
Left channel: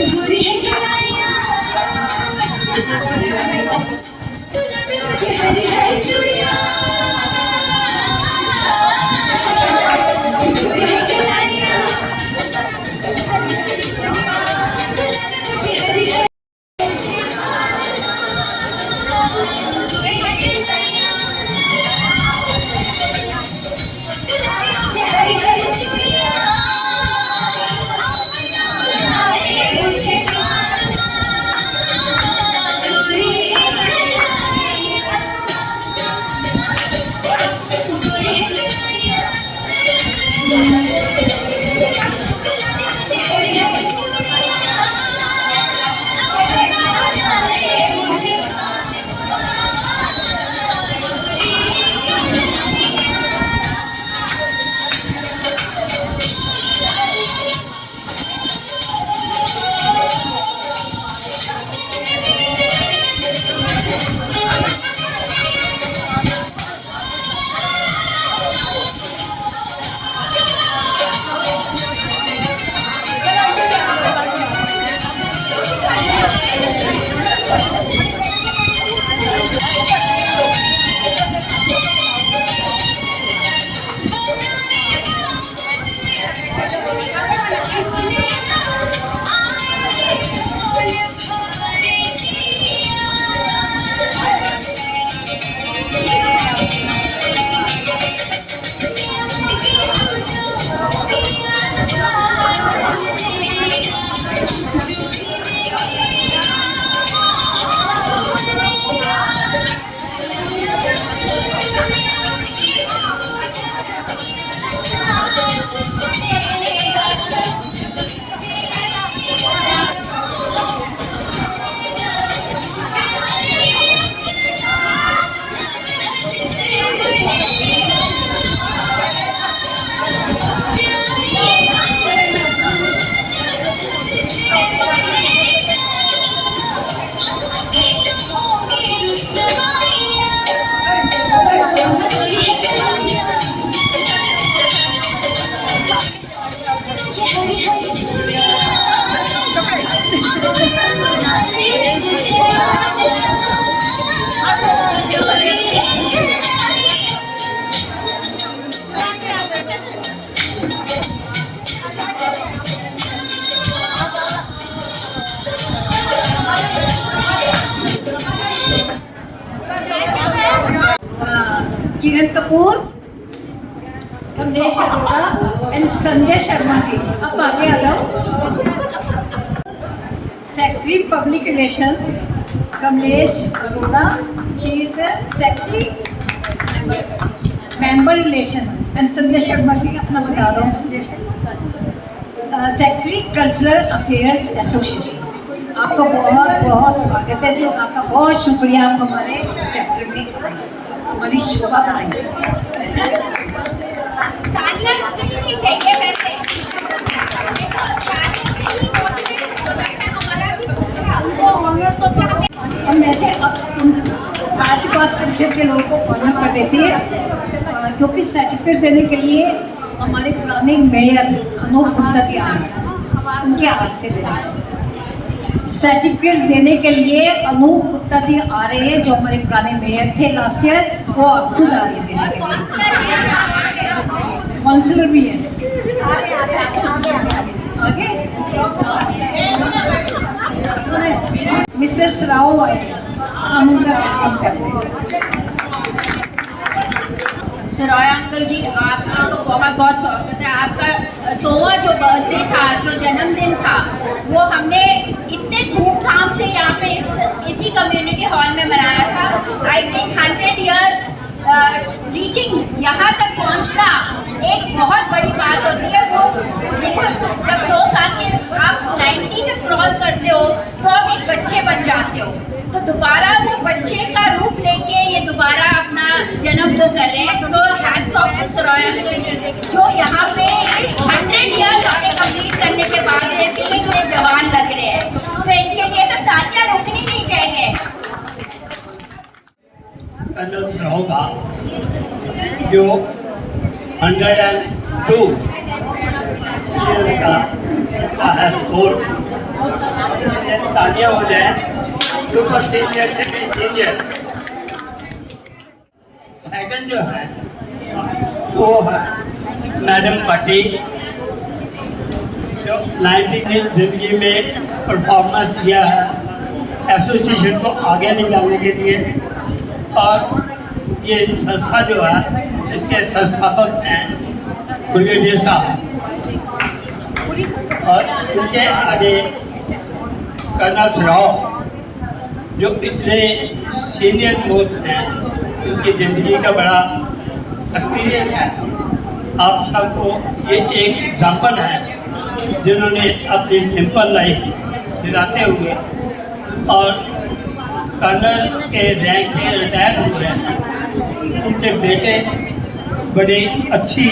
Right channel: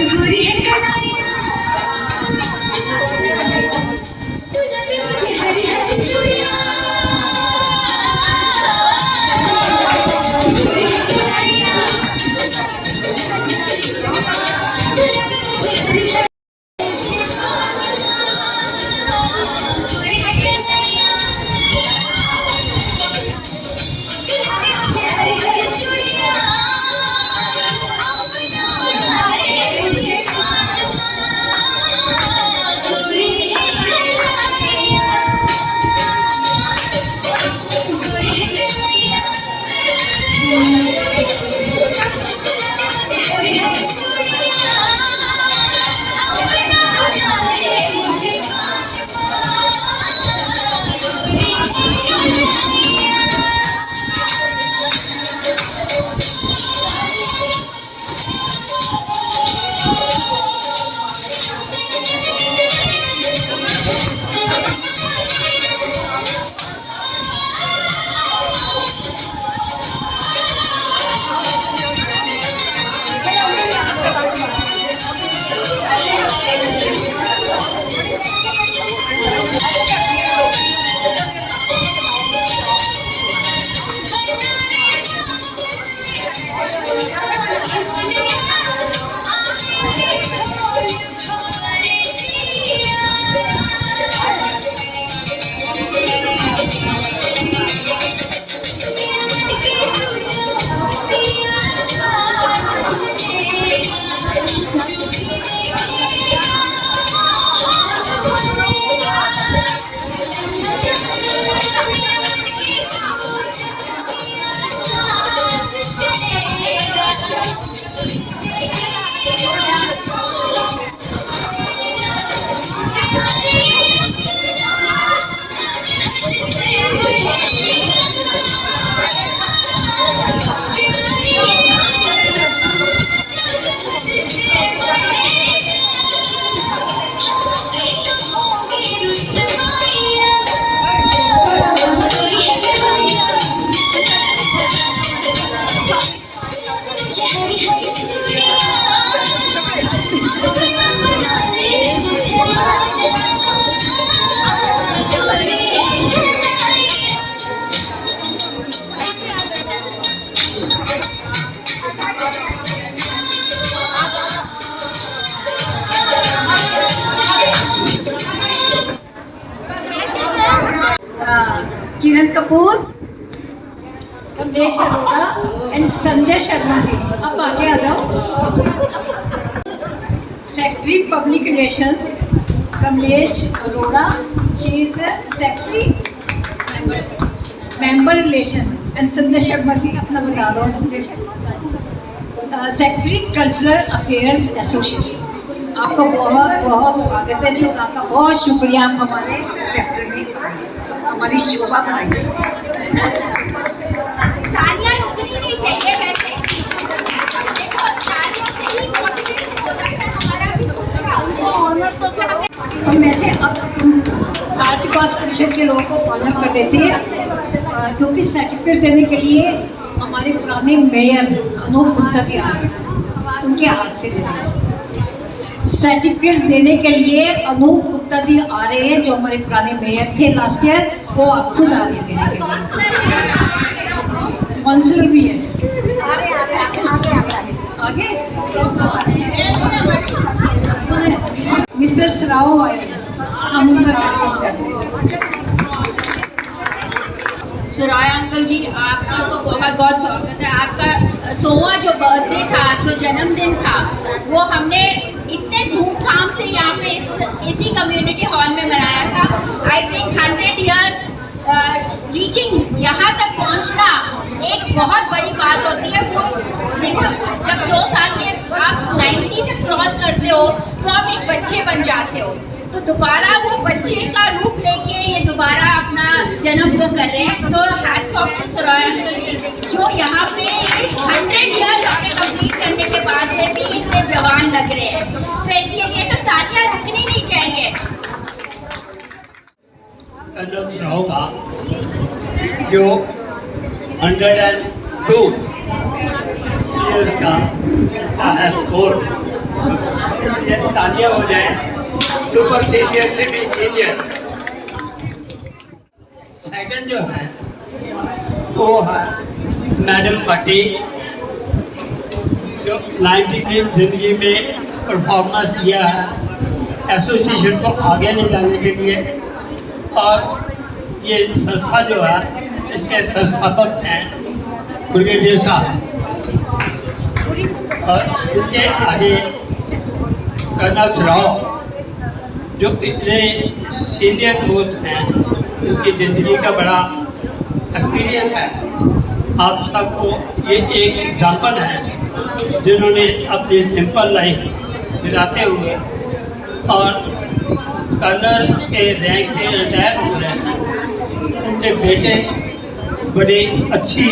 बुरी है कलाइयाँ दुल्हन में मुझे हरी हरी चूड़ियाँ बुरी है कलाइयाँ दुल्हन में मुझे हरी हरी बुरी है कलाइयाँ दुल्हन में मुझे हरी हरी चूड़ियाँ मुझे बुरी है कलाइयाँ बुरी है कलाइयाँ मुझे हरी हरी चूड़ियाँ अपना बना ले मुझे बुरी है कलाइयाँ एंड संजय शर्मा जी, आप आगे आ जाओ। Secretary public relations Kamlesh Arora, she is secretary member relation, and Sanjay Sharma ji अपना बता दो मुझे। सेक्रेटरी कल्चरल अफेयर्स एसोसिएशन, आपका बहुत बहुत स्वागत है जी, आपका बहुत शुक्रिया, आप हमारे चैप्टर में आए, हमारी शोभा बढ़ाई। तालियां रुकनी नहीं चाहिए वैसे, देखो तालियों से ही मोटिवेट होता है हमारा भी पूरा। हम वैसे अब भारतीय पास परिषद के लोगों को ऑनर कर देती है, क्योंकि सर्टिफिकेट देने के लिए हमारे पुराने मेयर अनूप गुप्ता जी आ रहे हैं, उनके हाथ से देने सर्टिफिकेट्स देने के लिए अनूप गुप्ता जी आ रहे हैं, जो हमारे पुराने मेयर थे लास्ट ईयर, वो खुद आ रहे हैं देने के लिए। काउंसलर भी है आगे मिस्टर सराओ आए, हम उनका वेलकम करते हैं। सुराय अंकल जी, आपका तो बहुत बहुत स्वागत है। आपका 100वां जो बर्थडे था, जो जन्मदिन था, वो हमने इतने धूमधाम से यहाँ पे इसी कम्युनिटी हॉल में मनाया था। आई थिंक 100 ईयर्स रीचिंग यहाँ तक पहुँचना एक बहुत बड़ी बात होती है। वो देखो, जब 100 साल के आप 90 जब क्रॉस करते हो तो आप एक बच्चे बन जाते हो, तो दोबारा वो बच्चे का रूप लेके ये दोबारा अपना जन्म वो कर रहे हैं। तो hats off to Suray uncle, जो यहाँ पे 100 ईयर्स अपने कंप्लीट करने के बाद में भी इतने जवान लग रहे हैं, तो इनके लिए तो तालियां रुकनी नहीं चाहिए। कर्नल सराओ का जो 102 ईयर्स का है स्कोर, इसलिए तालियां हो जाए। सुपर सीनियर से भी सीनियर। सेकंड जो है वो है मैडम भट्टी, जो 90 की जिंदगी में परफॉर्मेंस दिया है एसोसिएशन को आगे ले जाने के लिए, और ये संस्था जो है इसके संस्थापक हैं ब्रिगेडियर साहब, और उनके आगे कर्नल सराओ जो इतने सीनियर मोस्ट हैं, उनकी ज़िंदगी का बड़ा एक्सपीरियंस है। आप सबको ये एक एग्जाम्पल है, जिन्होंने अपनी सिंपल लाइफ बिताते हुए और कर्नल के रैंक से रिटायर हो रहे हैं। उनके बेटे बड़ी अच्छी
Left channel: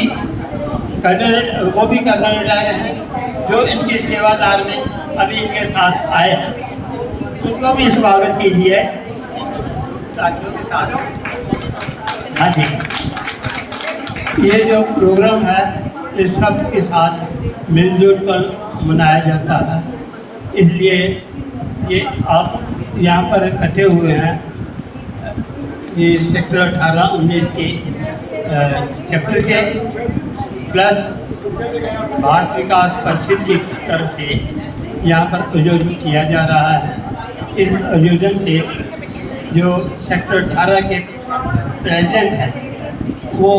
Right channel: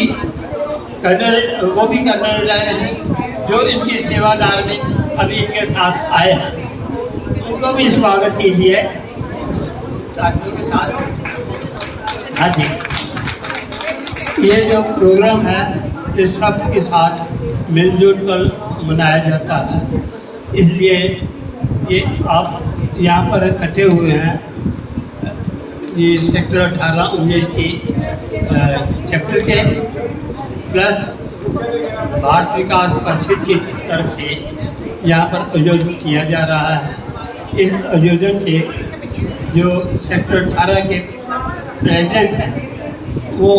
कर्नल, वो भी कर्नल रिटायर हैं, जो इनकी सेवादार में अभी इनके साथ आए हैं, उनको भी स्वागत कीजिए साथियों के साथ। हाँ जी, ये जो प्रोग्राम है इस सब के साथ मिलजुल कर मनाया जाता है, इसलिए ये आप यहाँ पर इकट्ठे हुए हैं। ये सेक्टर 18-19 के चैप्टर के प्लस भारत विकास परिषद की तरफ से यहाँ पर आयोजन किया जा रहा है। इस आयोजन के जो सेक्टर 18 के प्रेसिडेंट हैं, वो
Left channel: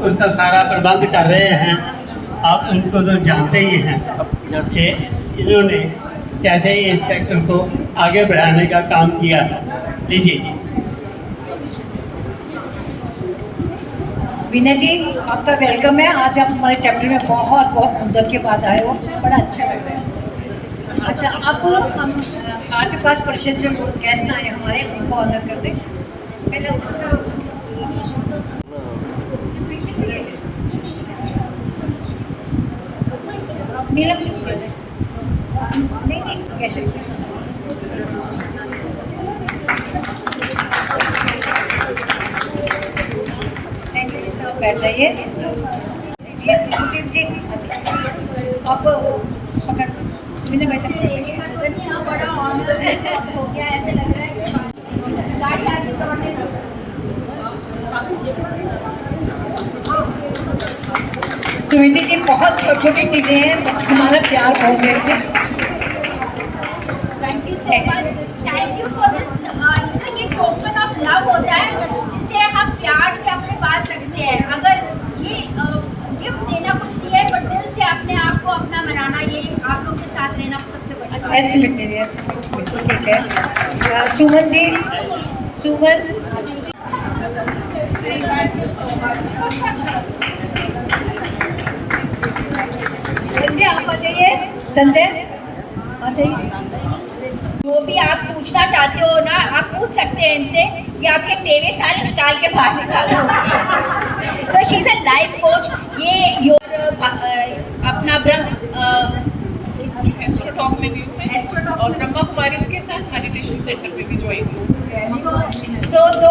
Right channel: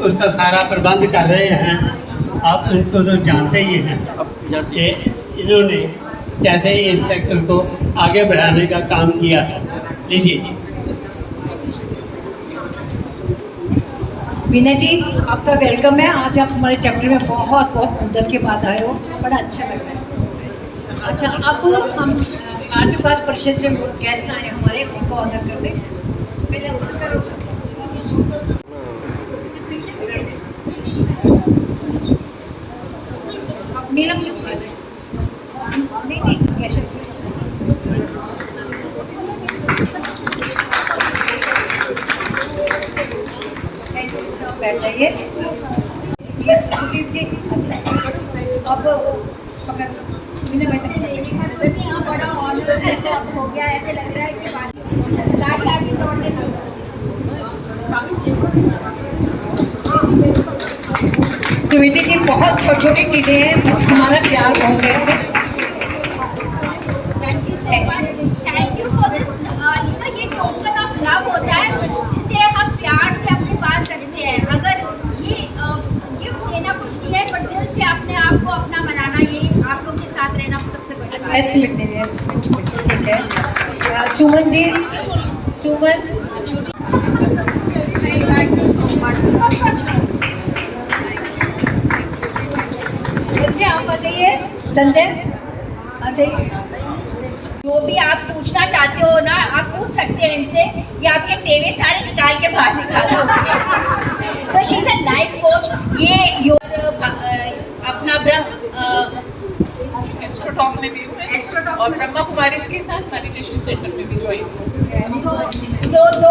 उसका सारा प्रबंध कर रहे हैं। आप इनको तो जानते ही हैं कि इन्होंने कैसे इस सेक्टर को आगे बढ़ाने का काम किया है। लीजिए जी। विनय जी, आपका वेलकम है। आज आप हमारे चैप्टर में बहुत बहुत मुद्दत के बाद आए हो, बड़ा अच्छा लग रहा है। अच्छा, अब हम भारतीय विकास परिषद जो गेस्ट आए हमारे, उनको ऑनर कर दें। पहले नीलम चुप कर नहीं कैसे थैंक यू सर, बैठ जाइए। जी अच्छा, अब पकड़ मैंने वैसे बड़ा ऑनर हो गया, ऐसे लग रहा है कि गाड़ी आगे सुमिति जी, बहुत छोटी छोटी चीज़ें हैं, बस हमारा प्यार बहुत है। Thank you so much, thank you for this. ये टोकन ऑफ लव होता है, जिसे हम प्यार से अपने पास रखते हैं। अगर ये गिफ्ट देना कुछ नहीं है, सबको अपना बनाना, ये आप लोग के साथ रहना सबसे बड़ी बात है। यस स्मृति, यस ठीक है। सुमन जी, सुमन संजय आप आ जाइए, संजय आ जाइए। जो भी आप पूछना चाहते हो ना, आप पूछ सकते हैं इनसे, ये आपके टेवे सारे निकाल के बाहर निकालो। तो she is a life coach. ये योर अपना एस्ट्रोटॉक में भी हूँ एस्ट्रोटॉक और ब्रह्मा कुमारी के साथ मेडिटेशन सेंटर में भी ज्वाइन हूँ। तो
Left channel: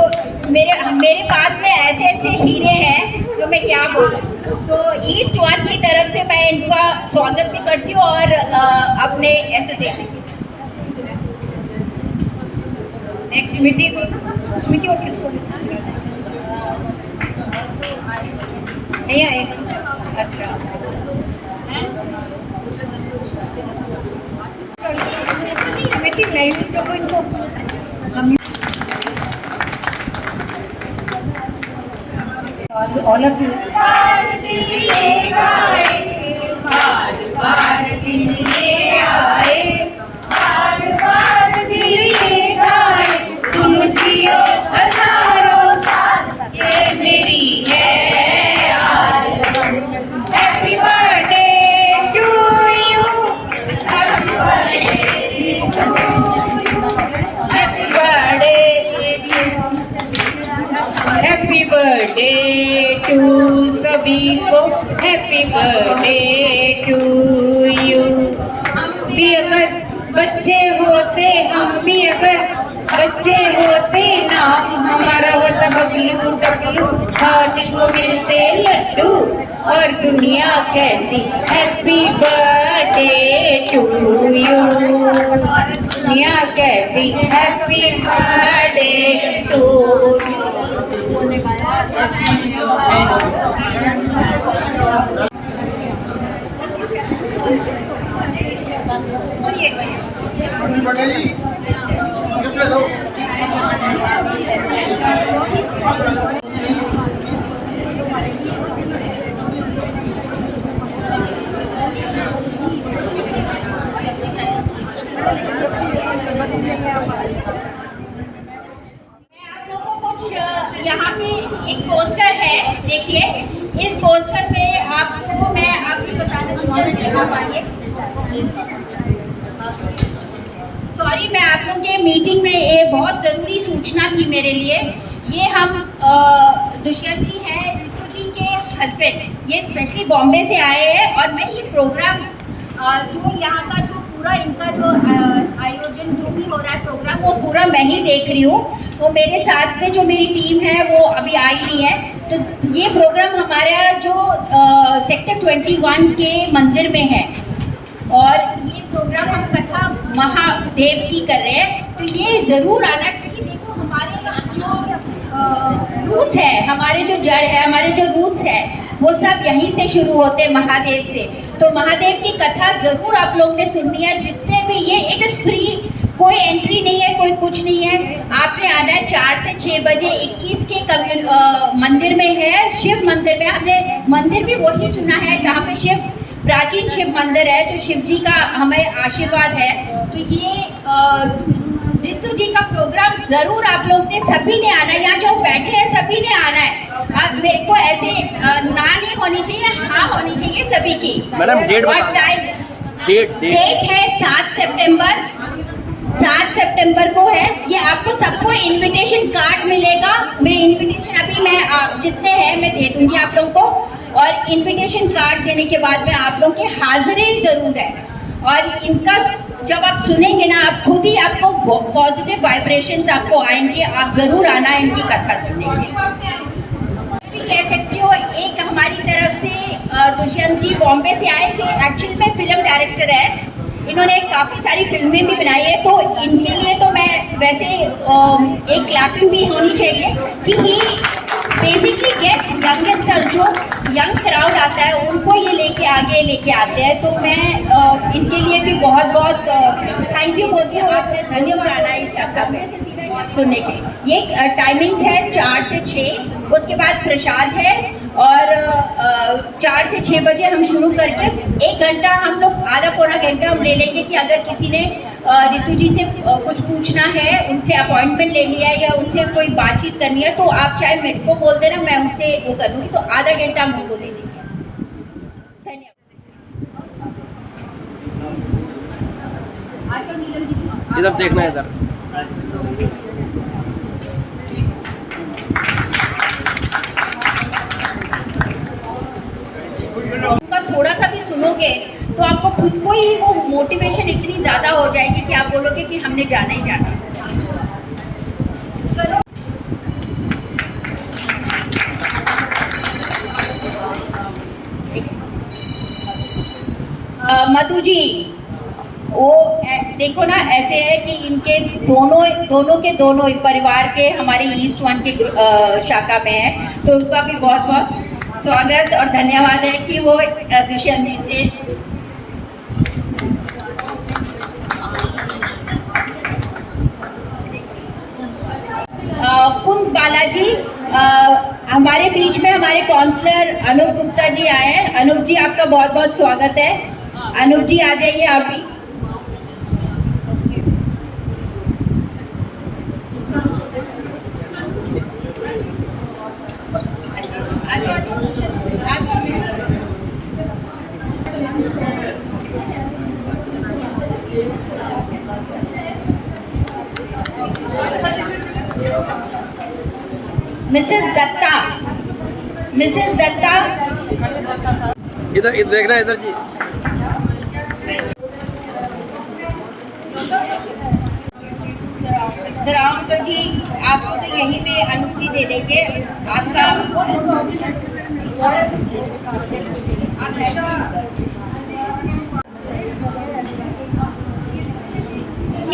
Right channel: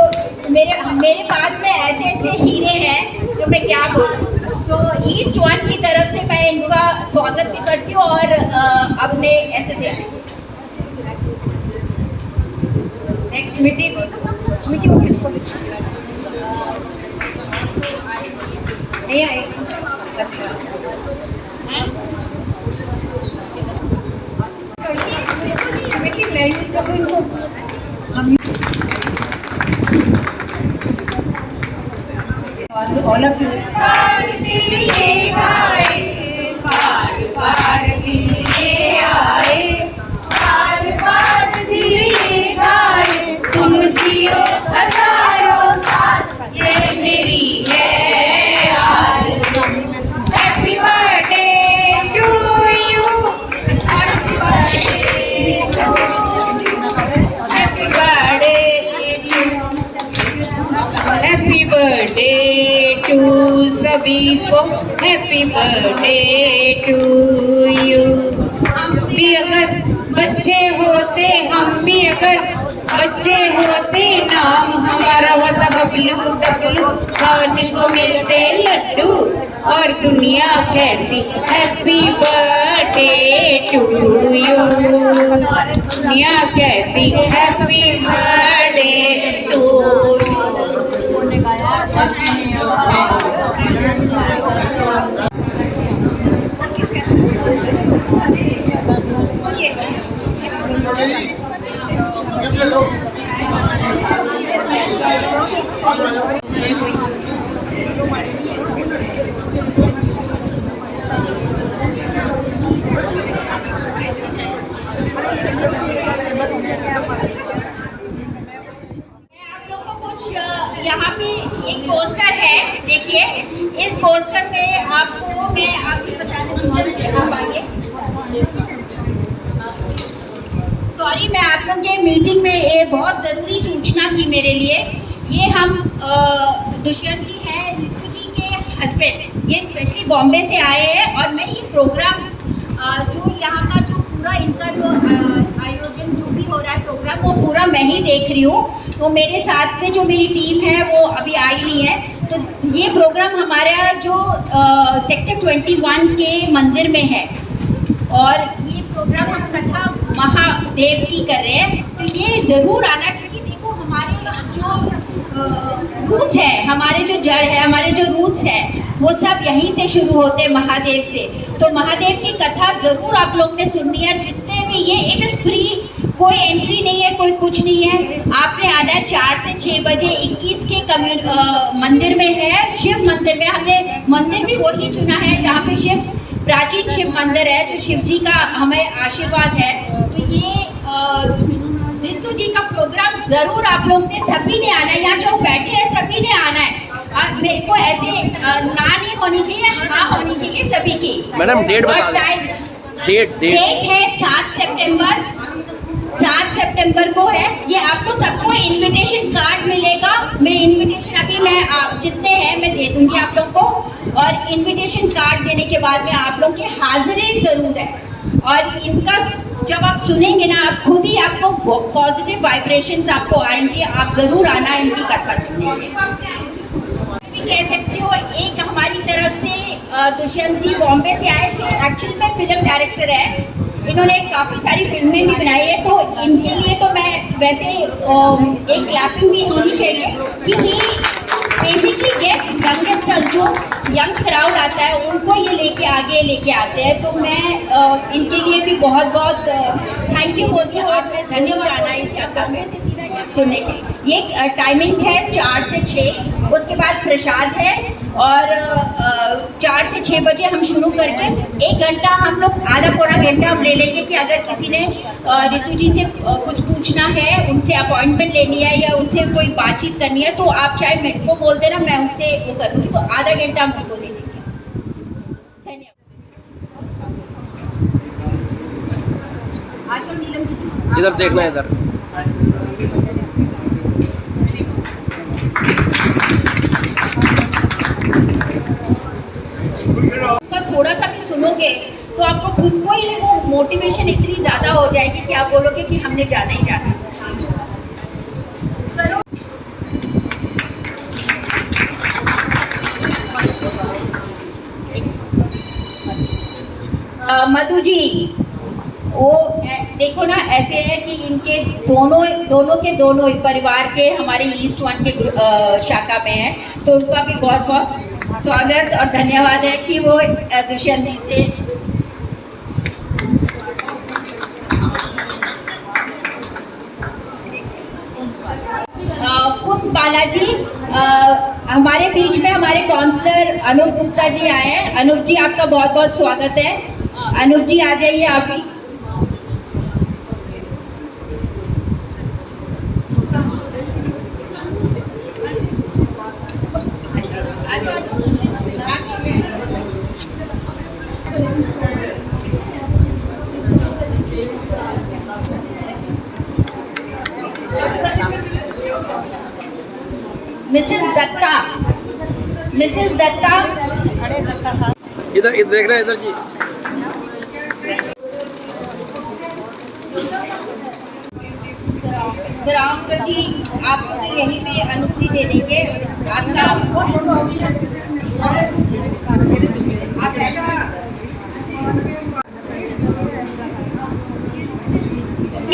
मेरे पास में ऐसे ऐसे हीरे हैं तो मैं क्या बोलूँ। तो ईस्ट वन की तरफ से मैं इनका स्वागत भी करती हूँ और अपने एसोसिएशन। नेक्स्ट स्मृति, स्मृति और किसको नहीं आए? अच्छा स्मृति मैं यूज करूँ इनको, हम ऑल ऑफ यू तुम जियो हजारों साल, ये मेरी है आरज़ू। Happy birthday to you, happy birthday to you, happy birthday happy birthday to सभी को, हैप्पी बर्थडे टू यू। भी अगर बच्चे होते, हम भी अगर बच्चे होते, नाम हमारा होता बबलू डबलू, खाने को मिलते लड्डू और दुनिया कहती हैप्पी बर्थडे टू यू। दुनिया कहती हैप्पी बर्थडे टू यू। यहाँ पे एक पोस्टर है, देखिए इस पोस्टर में आपको मैं आपको बताना चाहती हूँ। आप आइए। सॉरी, मैं आप लोग के मीटिंग में ये बहुत ज़रूरी सूचना थी मेरे लिए। ये हम दुष्यंत जी हैं, ऋतु जी के हस्बैंड, ये स्पेशली बॉम्बे से आए हैं और मैं ये प्रोग्राम जो यहाँ का जो पूरा इनका जो आयोजन जो भी हो रहा है प्रोग्राम, वो पूरा मैं ही देख रही हूँ। तो मेरे साथ में जो मेरी टीम है वो अभी आई नहीं है। तो ये प्रोग्राम हमारे यहाँ जो सेक्टर 21 के मंदिर में है और ये प्रोग्राम हम कथा महादेव की कर रहे हैं। तो ये ज़रूर आना, क्योंकि देखो हमारे जो रूट्स है, हमारे जो जड़ है, हमारे जो रूट्स है, वो सब यहीं से शुरू होते हैं, महादेव से। तो महादेव की कथा ज़रूर आप लोग ने सुननी है। जितने भी ये इट इज़ फ्री, कोई एंट्री नहीं है, कोई कुछ नहीं है। आपने आना है 4 से 6 बजे। 21 के मंदिर में है, शिव मंदिर में। हमने मंदिर भी वही चुना है जहाँ पे शिव, प्राचीन शिव मंदिर है, जो शिव जी का हमें आशीर्वाद है। तो ये ऋतु जी का प्रोग्राम ज़रूर आप लोग ने सभी ने आना है। यहाँ जो बैठे हैं सभी ने आना है। मेरे को ऐसे ना नहीं होनी चाहिए, हाँ होनी चाहिए सभी की। मैडम डेट है 7 सितंबर। 7 सितंबर को है ये। आपको सबको इनविटेशन कार्ड मिलेगा। मैं इनविटेशन अभी मैं जितने हैं मैं दे दूंगी आप लोग को। और इनविटेशन कार्ड देने के बाद में आप लोग की हाजिरी ज़रूर है। और इनका जब आप सुनेंगे ना, आप खुद ही आपको पॉजिटिव वाइब्रेशंस आपको आएंगे। आप ज़रूर आना इनकी कथा सुनेंगे। कह सकते हो एक हमारी तरफ से दुष्यंत जी बॉम्बे से आए थे। एक्चुअली में फिल्म डायरेक्टर है, इन्होंने काफ़ी सारी फिल्में भी बनाई है। तो इनके लिए तो मैं वैसे एक क्लैपिंग भी होनी चाहिए कि ही बेसिकली गेट्स यंगेस्ट, जो यंग क्राउड आता है उनको ये लेके आगे लेके आते हैं। तो मैं इनके लिए भी बहुत बहुत थैंक यू बोलती हूँ। आपने धन्यवाद आना इस कथा में से सीधा सुनने के लिए। ये टाइमिंग्स है 4 से 6। उसके बाद प्रसाद है और 4 से 6 बजे हम शुरू करके 1 घंटा हम लोग, आधा पौना घंटा हम ले लेंगे कि अगर किसी ने रितु जी से कुछ पूछना है, उनसे अपॉइंटमेंट लेनी है या उनसे कोई बातचीत करनी है, तो आप चाहे मेरे को बोल देना, मैं उनसे वो कर लूँगी। तो आधा घंटा हम उनको दे देंगे। धन्यवाद। आज नीलम जी इधर देखना, इधर का थोड़ा सा भी सुनोगे तो आपको खुद को ही वो मोटिवेशन इतनी ज़्यादा हो जाएगी कि आप बोलोगे कि हमने जाना ही जाना। चलो मधु जी, वो देखो ना, ऐसे है कि इनके दोनों एक परिवार के हमारे ईस्ट 1 के शाखा में है, तो उनका भी बहुत बहुत स्वागत और धन्यवाद है कि वो दुष्यंत जी से कुंद बालाजी, हमारे बीच में हमारे काउंसलर अनूप गुप्ता जी आए हैं। अनूप जी, आपका बहुत बहुत स्वागत है। अनूप जी आ जाइए आप भी। मिसेस दत्ता, इधर देखना, इधर जी। सर अंकल जी, आपको तो यहीं पे अनुमति दे देंगे। आपका आप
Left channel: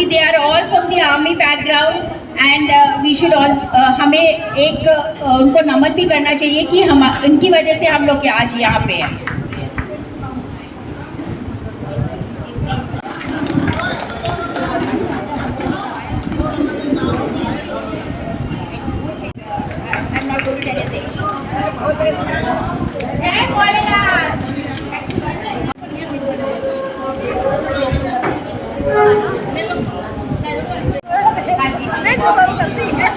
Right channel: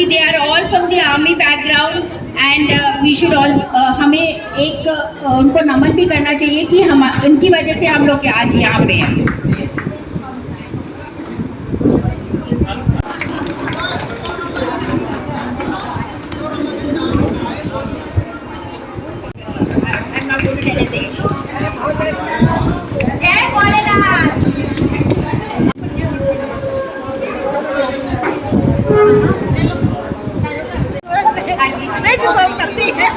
they are all from the army background and we should all हमें एक उनको नमन भी करना चाहिए कि हम उनकी वजह से हम लोग आज यहाँ पे हैं। I'm not going to tell anything. जय भोलेनाथ। हाँ जी, नहीं डिजर्व करती है।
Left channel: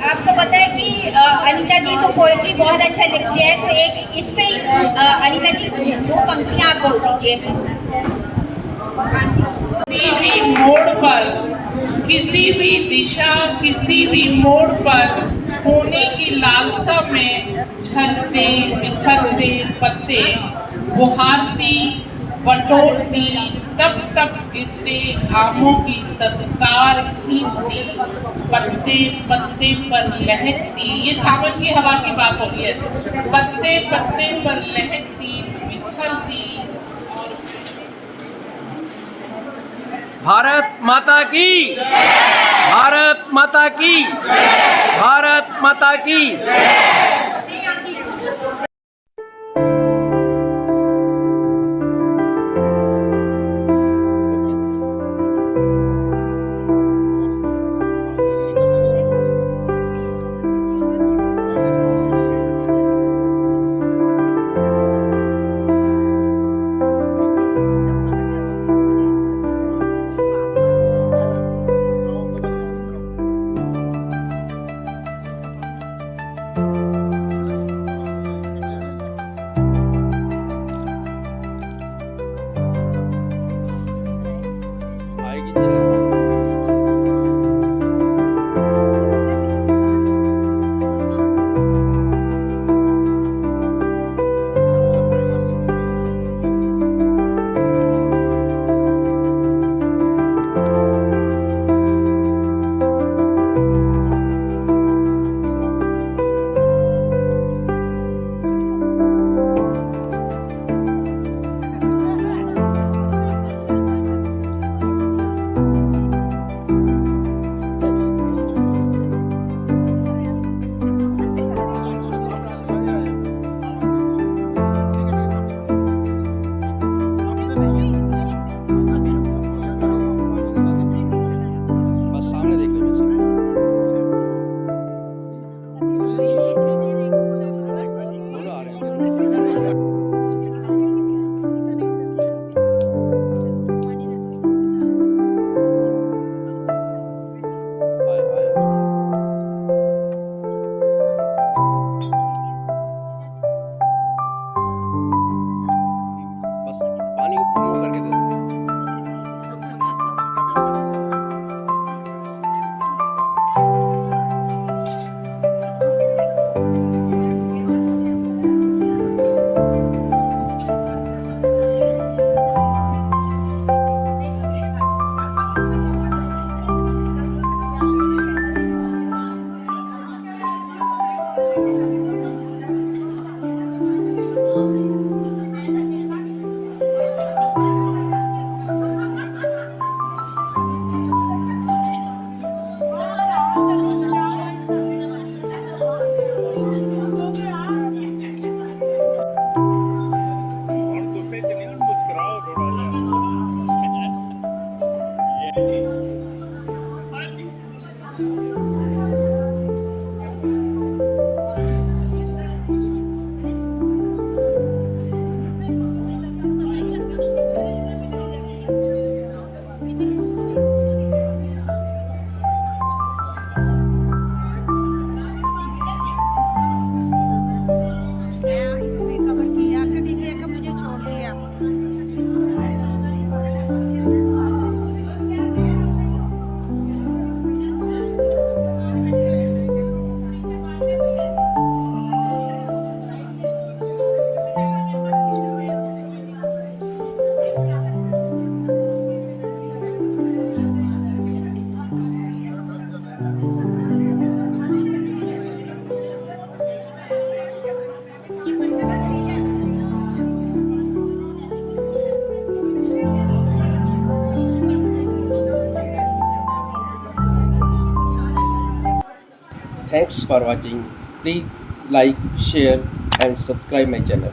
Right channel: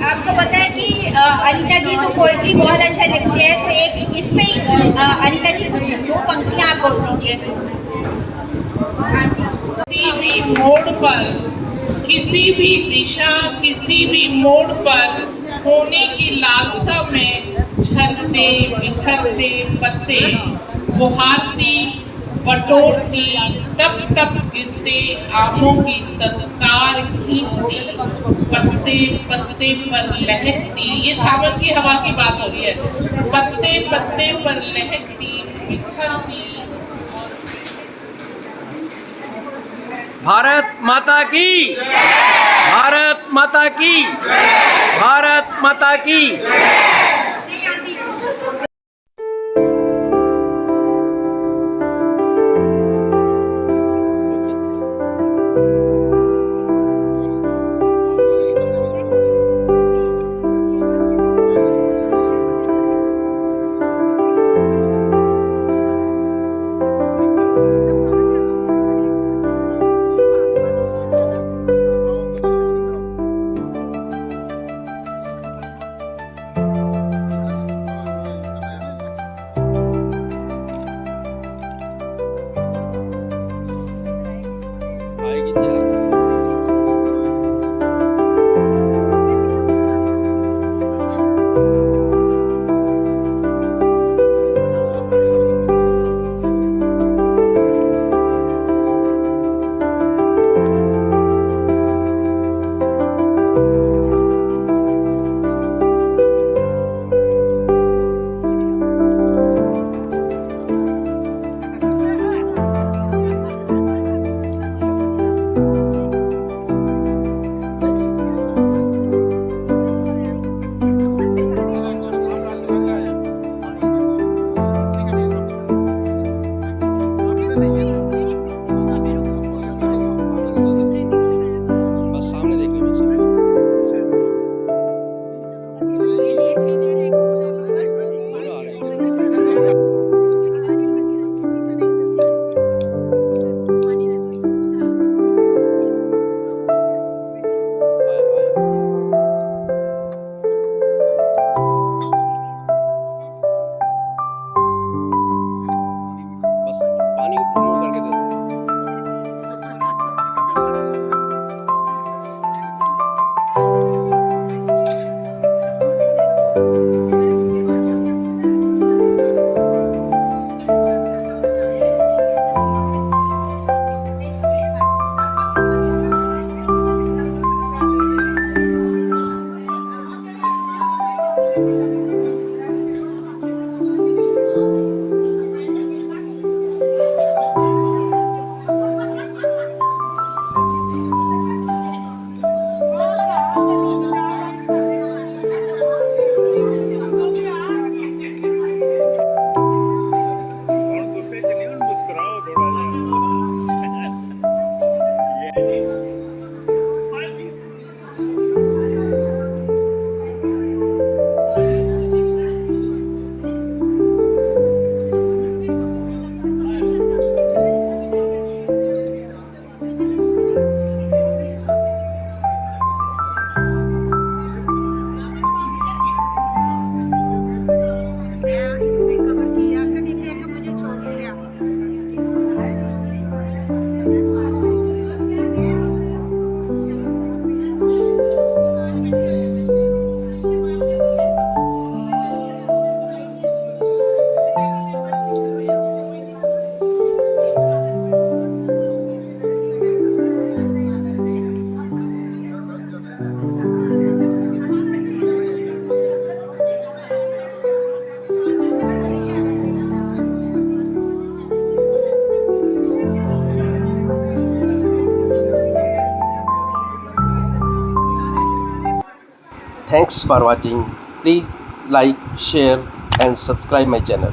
आपको पता है कि अनीता जी तो पोएट्री बहुत अच्छा लिखती है, तो एक इसमें अनीता जी कुछ 2 पंक्तियां आप बोल दीजिए। किसी भी मोड़ पर, किसी भी दिशा, किसी भी मोड़ पर होने की लालसा में झरते बिखरते पत्ते, बुहारती बटोरती टप टप गिरते आमों की तत्कार खींचती, पत्ते पत्ते पर लहकती। ये सावन की हवा की बात हो रही है। पत्ते पत्ते पर लहकती, बिखरती। भारत माता की, भारत माता की, भारत माता की। Thanks for watching. Please like, share and subscribe my channel.